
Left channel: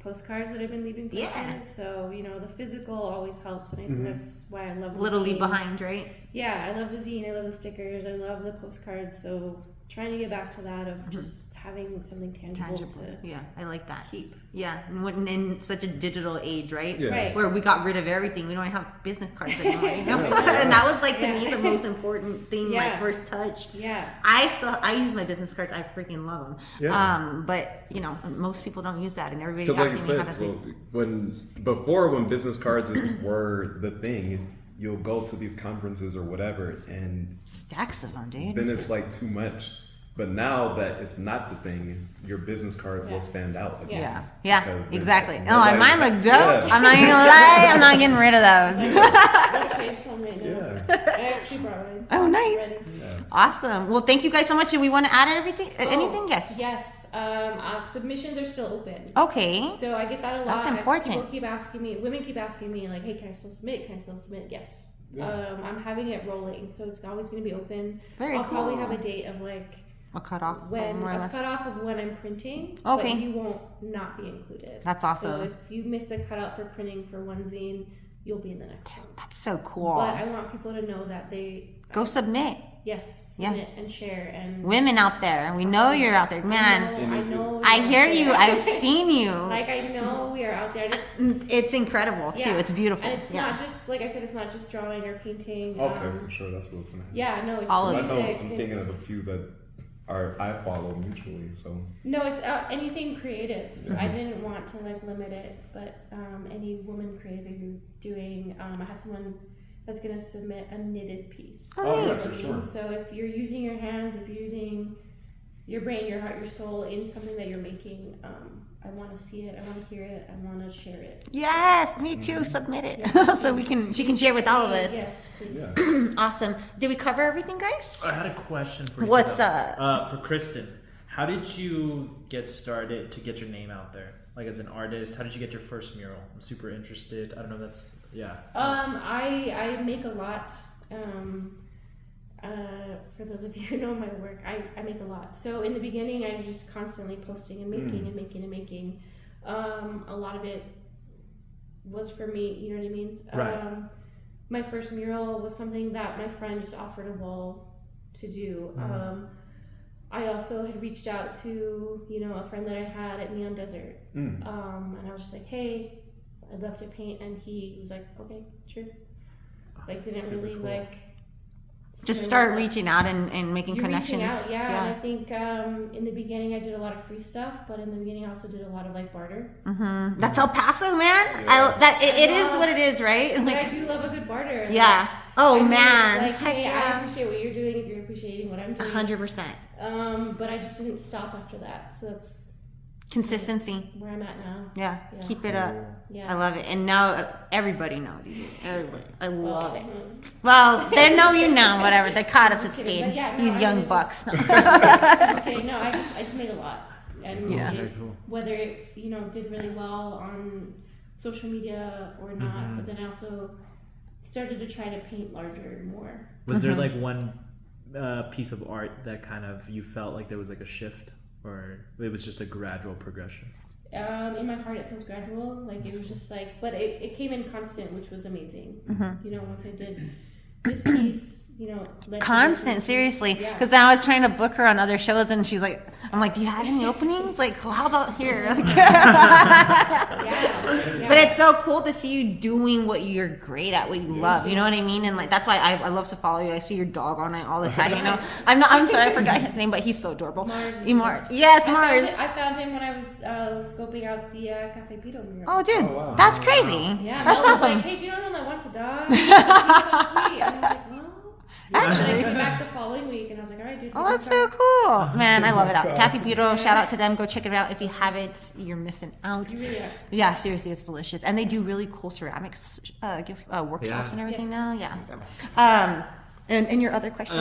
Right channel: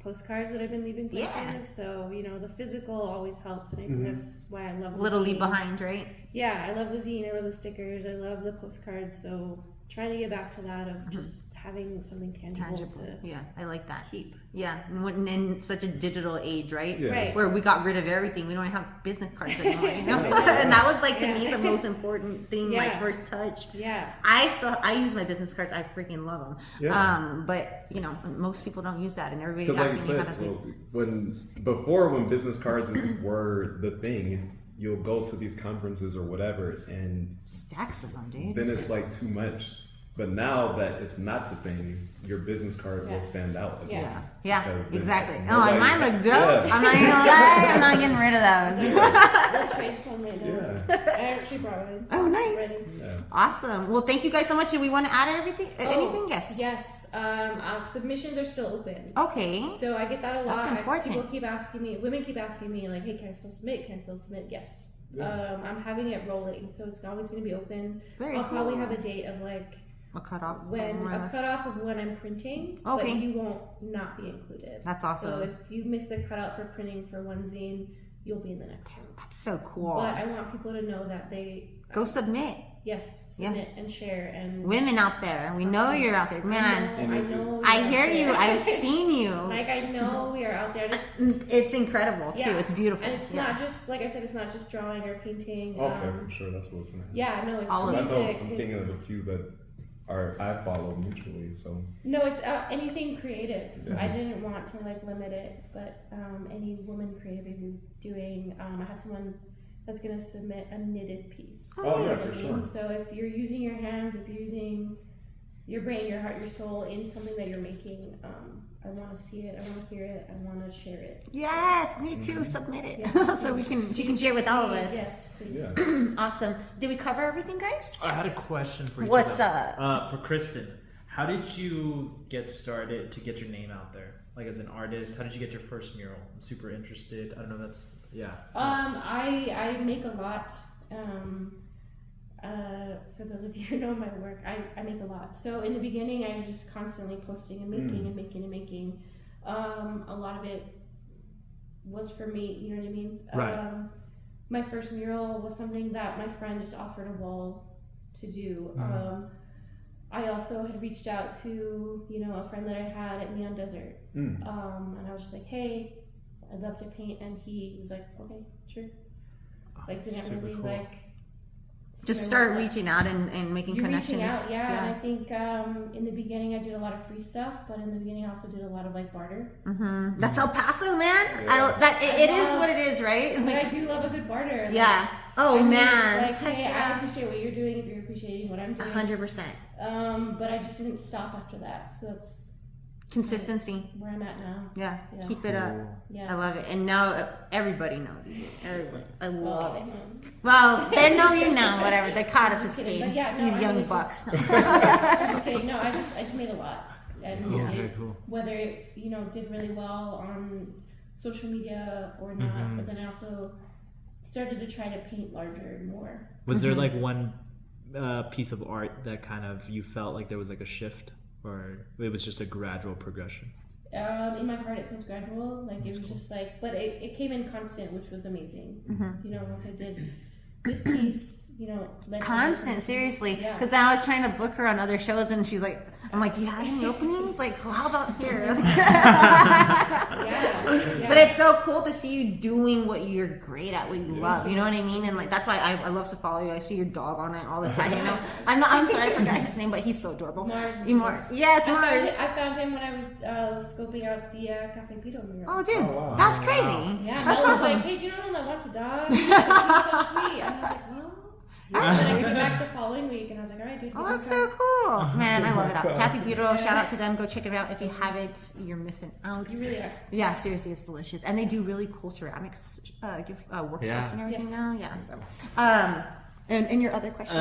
postcards that I've been leaving places. Yeah. So, the physical always helps. And I think that's why I love the Little zine. leave behind, right? Yeah, I love the zine. I love the stickers. I love the postcards. So trying to get back to that of just having something tangible to Yeah, I like that. keep. Yeah, and in such a digital age, right? Yeah. Right. Where we got rid of everything. We don't even have business cards anymore, And that was like, to me, the most important thing, like first touch. Yeah. I use my business cards. I freaking love them. Yeah. But most people don't use that, and everybody's Because like I asking me how said, to. so when business cards were the thing, you'll go to these conferences or whatever, and Stacks of them, dude. then it's like too much. But now that it's not the thing, your business card will stand out again. Yeah, Because then exactly. Oh, nobody- and mine look dope. Yeah. I'm not gonna lie. I'm not getting rid of those. I'll trade some right now. Yeah. I actually brought mine. Oh, nice. Ready. Awesome. Well, thank you guys so much. Do we want to add anything? Yes. Yes. Submissions are still open. Okay. So I get that a lot. That's important. People keep asking me, women keep asking me, like, hey, can I still submit? Can I still submit? Yes. I'm having it rolling, so it's always going to be open. I'll probably have a date of like a cutoff. a cutoff of when I'm printing, but you won't not be included. That's awesome. So if you miss the cutout for printing for one zine, you'll be in the next one. That's so cool. But I want people to know that they go submit. yes, submit and share and women out there. We know you're out there, man. I know. I hear you. I've seen you. Like I know we are out there. It's incredible too. It's beautiful. And it's not just like I said. It's not just drawing or painting. Okay, for sure. That's what's gonna happen. Yeah, no, it's all music. I'm thinking of a few that I follow mutually. So no, it's anything creative. I didn't want to like limit it, but any woman creative, if you're doing, I have someone that's gonna submit a knitted piece. Oh, yeah, for sure. So if you're using your hands, if you're using your brain, your heart, your soul in something that you're making, I want to see it. I want to hear it. I want to share it. Yes, me too. Submit it so she can share with all of us. Yes, please. yeah. Awesome. Did we cover everything, guys? I had a question for you. What's up? For Christin, how did you get started to get your name out there? Like as an artist, how did you get your first mural? I'm super interested. I don't know. I make a lot. For those of you who know my work, I make a lot. So in the beginning, I was just constantly posting and making and making and making. A lot of it was for me, you know what I mean? Right. My first mural was something that my friend just offered a wall to do. I also had reached out to, a friend that I had at Neon Desert. And I was just like, hey, I'd love to paint. And he was like, okay, sure. Like, didn't really cool. like... Just start reaching out and making connections. Reaching out, yeah. And I think in the beginning I did a lot of free stuff, but in the beginning I also did a lot of like barter. That's El Paso, man. Yeah. It is what it is, right? But Like, I do love a good barter. And yeah. I mean, Man. it's like, Heck hey, yeah. I appreciate what you're doing if you're appreciating what I'm doing. 100%. But I just didn't stop after that. So that's Consistency. where I'm at now. Yeah. Yeah. Keep it up. Yeah. I love it. And now everybody knows you. Everybody. I love it. mhm. Well, they know you now, whatever. They're caught up to Just kidding. speed. But yeah, no, These I mean, young it's bucks. I'm just kidding. No, I just made a lot. And Yeah. Very cool. whether it, did really well on social media or not, but then I also started to try to paint larger and more. Was there like one piece of art that kind of you felt like there was like a shift, or it was just a gradual progression? In my heart, it feels gradual. Like it was just like, but it came in constant, which was amazing. Once I did this piece, led to Constant, this seriously. Yeah. Because I was trying to book her on other shows, and she's like, I'm like, do you have any openings? Like, well, how about here? Yeah. But it's so cool to see you doing what you're great at, what you love. You know what I mean? And like that's why I love to follow you. I see your dog on it all the time. I'm sorry, I forgot his name, but he's so adorable. Mars. Yes, Mars. I found him when I was scoping out the Cafe Pito mural. Oh, dude, wow. that's crazy. Yeah, That's Mel was awesome. like, hey, do you know anyone that wants a dog? She's so sweet. And I was like, well. And then I came back the following week and I was like, all right, dude. Oh, that's so cool. Man, I love it. Cafe Pito, shout out to them. Go check it out. If you haven't, you're missing out. You really are. Yeah, seriously, it's delicious. And they do really cool ceramics gift workshops and everything now. Yeah. So, and your other question?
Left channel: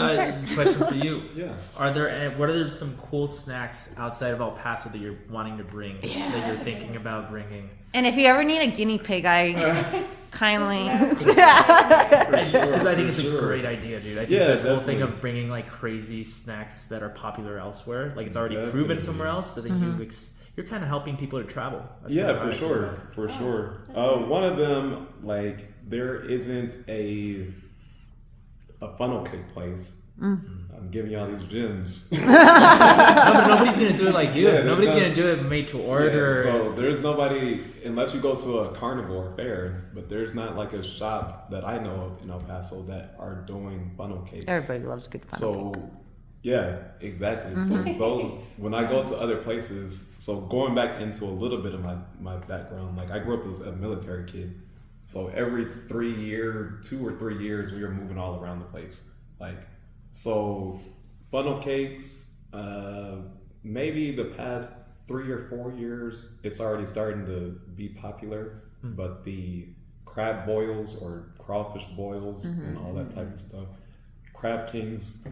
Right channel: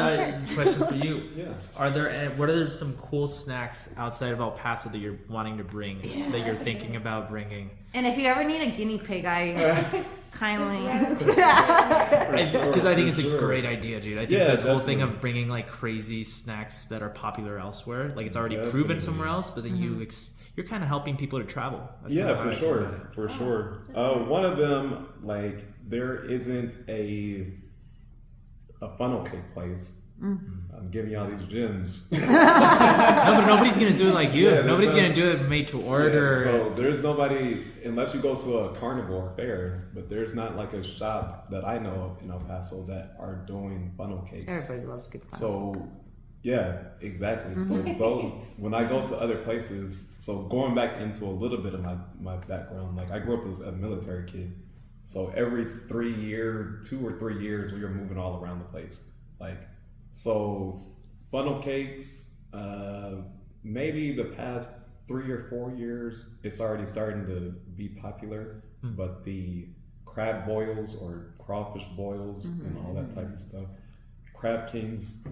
Sure. Question for you. Yeah. What are some cool snacks outside of El Paso that you're wanting to bring, that you're thinking about bringing? And if you ever need a guinea pig, I kindly. Because I think it's a great idea, dude. I think Yeah, this whole thing definitely. of bringing like crazy snacks that are popular elsewhere, like it's already proven somewhere else, but then you're kind of helping people to travel. That's Yeah, kinda for how I sure, feel about it. for sure. that's One of them, like, there isn't a funnel cake place. I'm giving y'all these gems. No, but nobody's gonna do it like you. Yeah, there's nobody's no- gonna do it made to order. So there's nobody, unless we go to a carnivore fair, but there's not like a shop that I know of in El Paso that are doing funnel cakes. Everybody loves good fun. So, yeah, exactly. So those, when I go to other places, so going back into a little bit of my background, like I grew up as a military kid. So every 2 or 3 years, we were moving all around the place. Like, so funnel cakes, maybe the past 3 or 4 years, it's already starting to be popular, but the crab boils or crawfish boils and all that type of stuff. Crab Kings,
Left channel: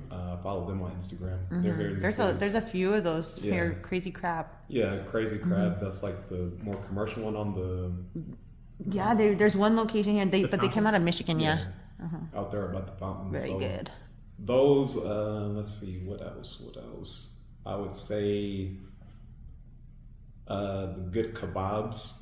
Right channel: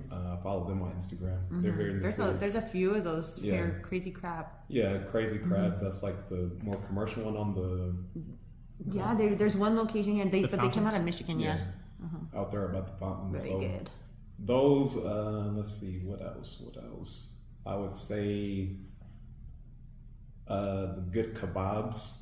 follow them on Instagram. They're here in the city. There's a few of those Yeah. here, crazy crab. Yeah, Crazy Crab. That's like the more commercial one on the Yeah, there's one location here, but they came out of Michigan. Yeah, out there about the fountains. very So good. those, let's see, what else? I would say the good kebabs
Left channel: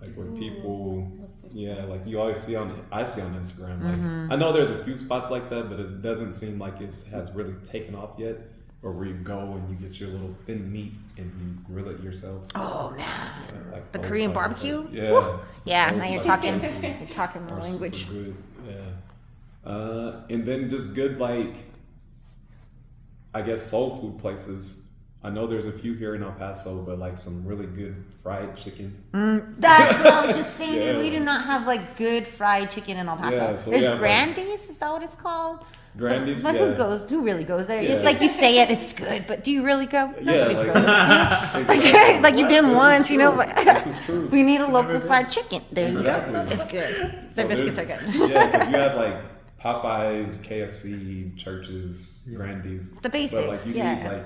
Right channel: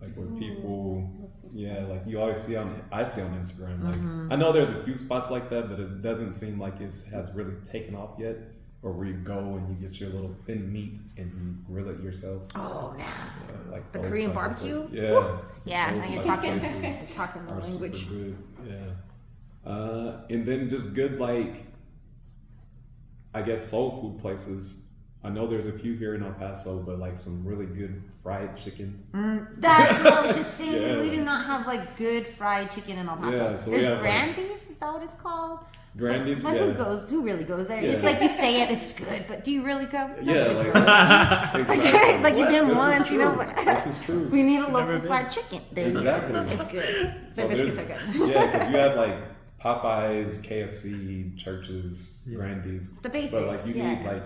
Like where people, like you always see I see on Instagram. Like I know there's a few spots like that, but it doesn't seem like it has really taken off yet. Or where you go and you get your little thin meat and you grill it yourself. Oh man, like the Korean barbecue. Yeah. Now you're talking the language. Good. Yeah. And then just good, like, I guess soul food places. I know there's a few here in El Paso, but like some really good fried chicken. That's what I was just saying. We do not have like good fried chicken in El Paso. Yeah, so there's we have, Grandy's. Is that what it's called? Grandy's, but who really goes there? It's like you say it, it's good, but do you really go? Exactly. Like you've been once, you know. But this is true. We need a local fried chicken. There you go. It's good. The biscuits are good. Yeah, because you have like Popeyes, KFC, Churches, Grandy's. The basics. But like you need like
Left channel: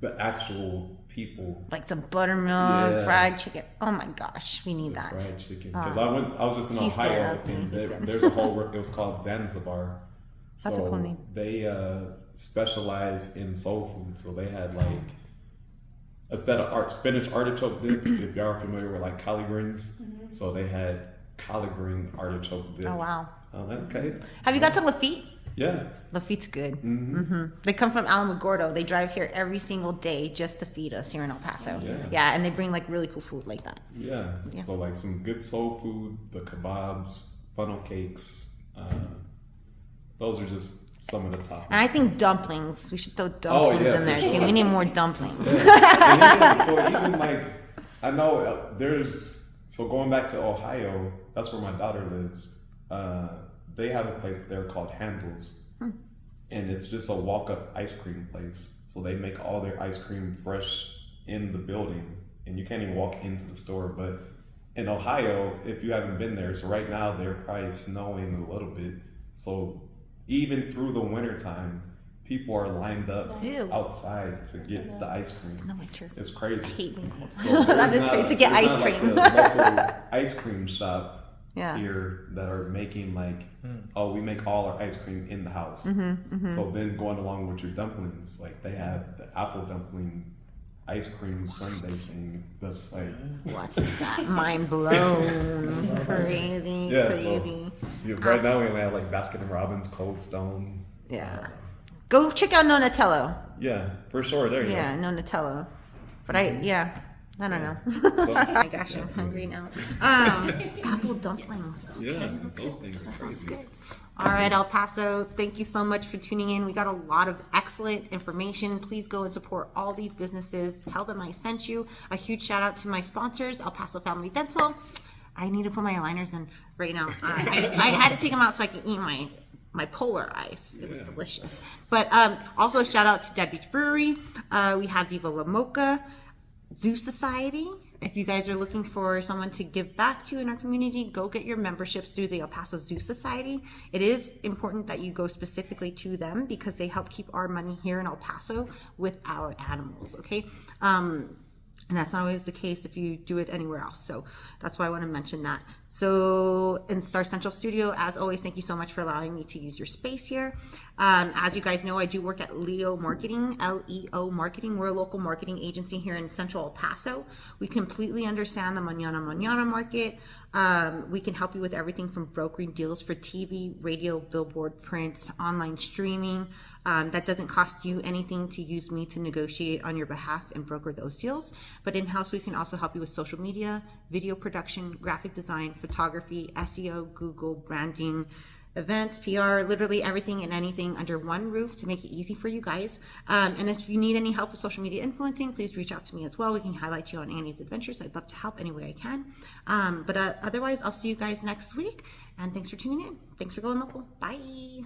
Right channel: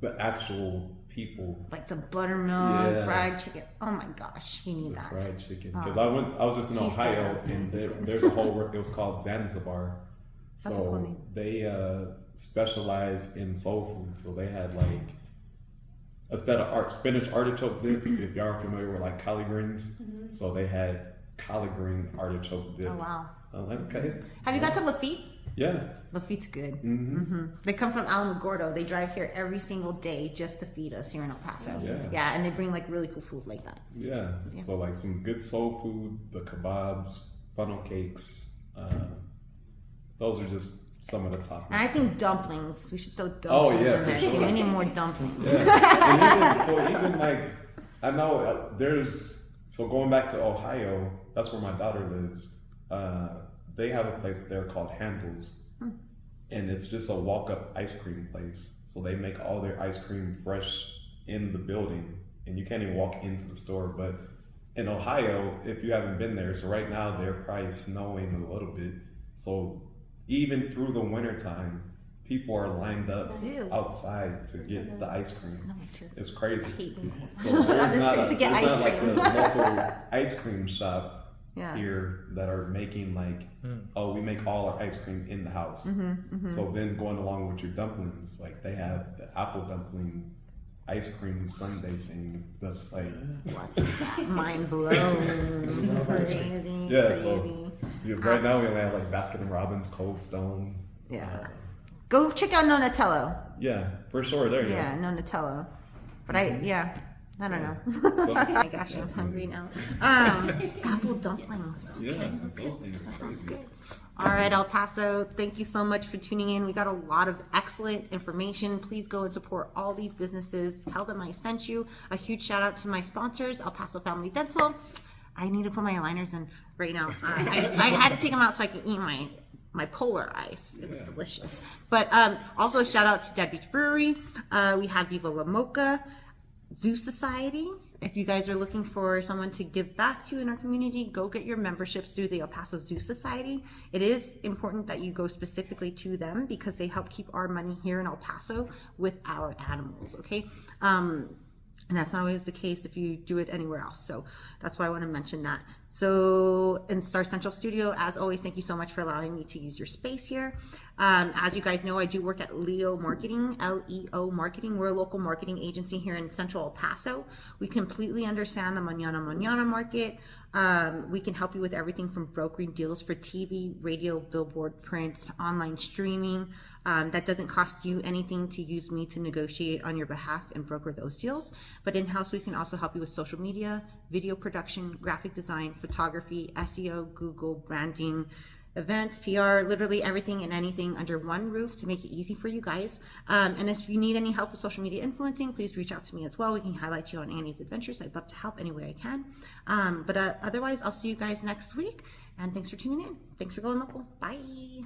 the actual people. Like some buttermilk, fried chicken. Oh my gosh, we need that. Fried chicken. Because I was just in Ohio and there's a whole, it was called Zanzibar. So That's a cool name. They specialize in soul food. So they had like, instead of spinach artichoke dip, if y'all are familiar with like collard greens, so they had collard green artichoke dip. Oh wow. I'm like, okay. Have you got to Lafitte? Yeah. Lafitte's good. They come from Alamogordo. They drive here every single day just to feed us here in El Paso. Yeah, and they bring like really cool food like that. Yeah. So like some good soul food, the kebabs, funnel cakes. Those are just some of the top. And I think dumplings. We should throw dumplings in there too. We need more dumplings. Even like, I know so going back to Ohio, that's where my daughter lives. They have a place there called Handles, and it's just a walk-up ice cream place. So they make all their ice cream fresh in the building, and you can't even walk into the store. But in Ohio, if you haven't been there, so right now they're probably snowing a little bit. So even through the winter time, people are lined up outside to get the ice cream. No, true. It's crazy. I hate me. So to get ice cream. Like a local ice cream shop here that are making like, we make all our ice cream in the house. So then going along with your dumplings, like they have the apple dumpling ice cream sundae thing. That's like, what's that? Mind blown. Crazy. Crazy. Right now we only have like Baskin Robbins, Cold Stone. Yeah. Go check out Nonatello. Yeah, for sure. There you go. Yeah, Nonatello. But I don't know. Oh my gosh, I'm hungry now. Apple dumplings. Okay. Yeah, those things that sounds good. All right, El Paso, thank you so much for tuning in. We got a lot of excellent information. Please go and support all these businesses. Tell them I sent you. A huge shout out to my sponsors, El Paso Family Dental. I need to put my aligners in right now. I had to take them out so I can eat my polar ice. It was delicious. But also a shout out to Dead Beach Brewery. We have Viva La Mocha, Zoo Society. If you guys are looking for someone to give back to in our community, go get your memberships through the El Paso Zoo Society. It is important that you go specifically to them because they help keep our money here in El Paso with our animals, okay? And that's not always the case if you do it anywhere else. So that's why I want to mention that. So in Star Central Studio, as always, thank you so much for allowing me to use your space here. As you guys know, I do work at Leo Marketing, L-E-O Marketing. We're a local marketing agency here in Central El Paso. We completely understand the Mañana market. We can help you with everything from brokering deals for TV, radio, billboard, print, online streaming. That doesn't cost you anything to use me to negotiate on your behalf and broker those deals. But in-house, we can also help you with social media, video production, graphic design, photography, SEO, Google, branding, events, PR, literally everything and anything under one roof to make it easy for you guys. And if you need any help with social media influencing, please reach out to me as well. We can highlight you on Annie's Adventures. I'd love to help any way I can. But otherwise, I'll see you guys next week. And thanks for tuning in. Thanks for going local. Bye.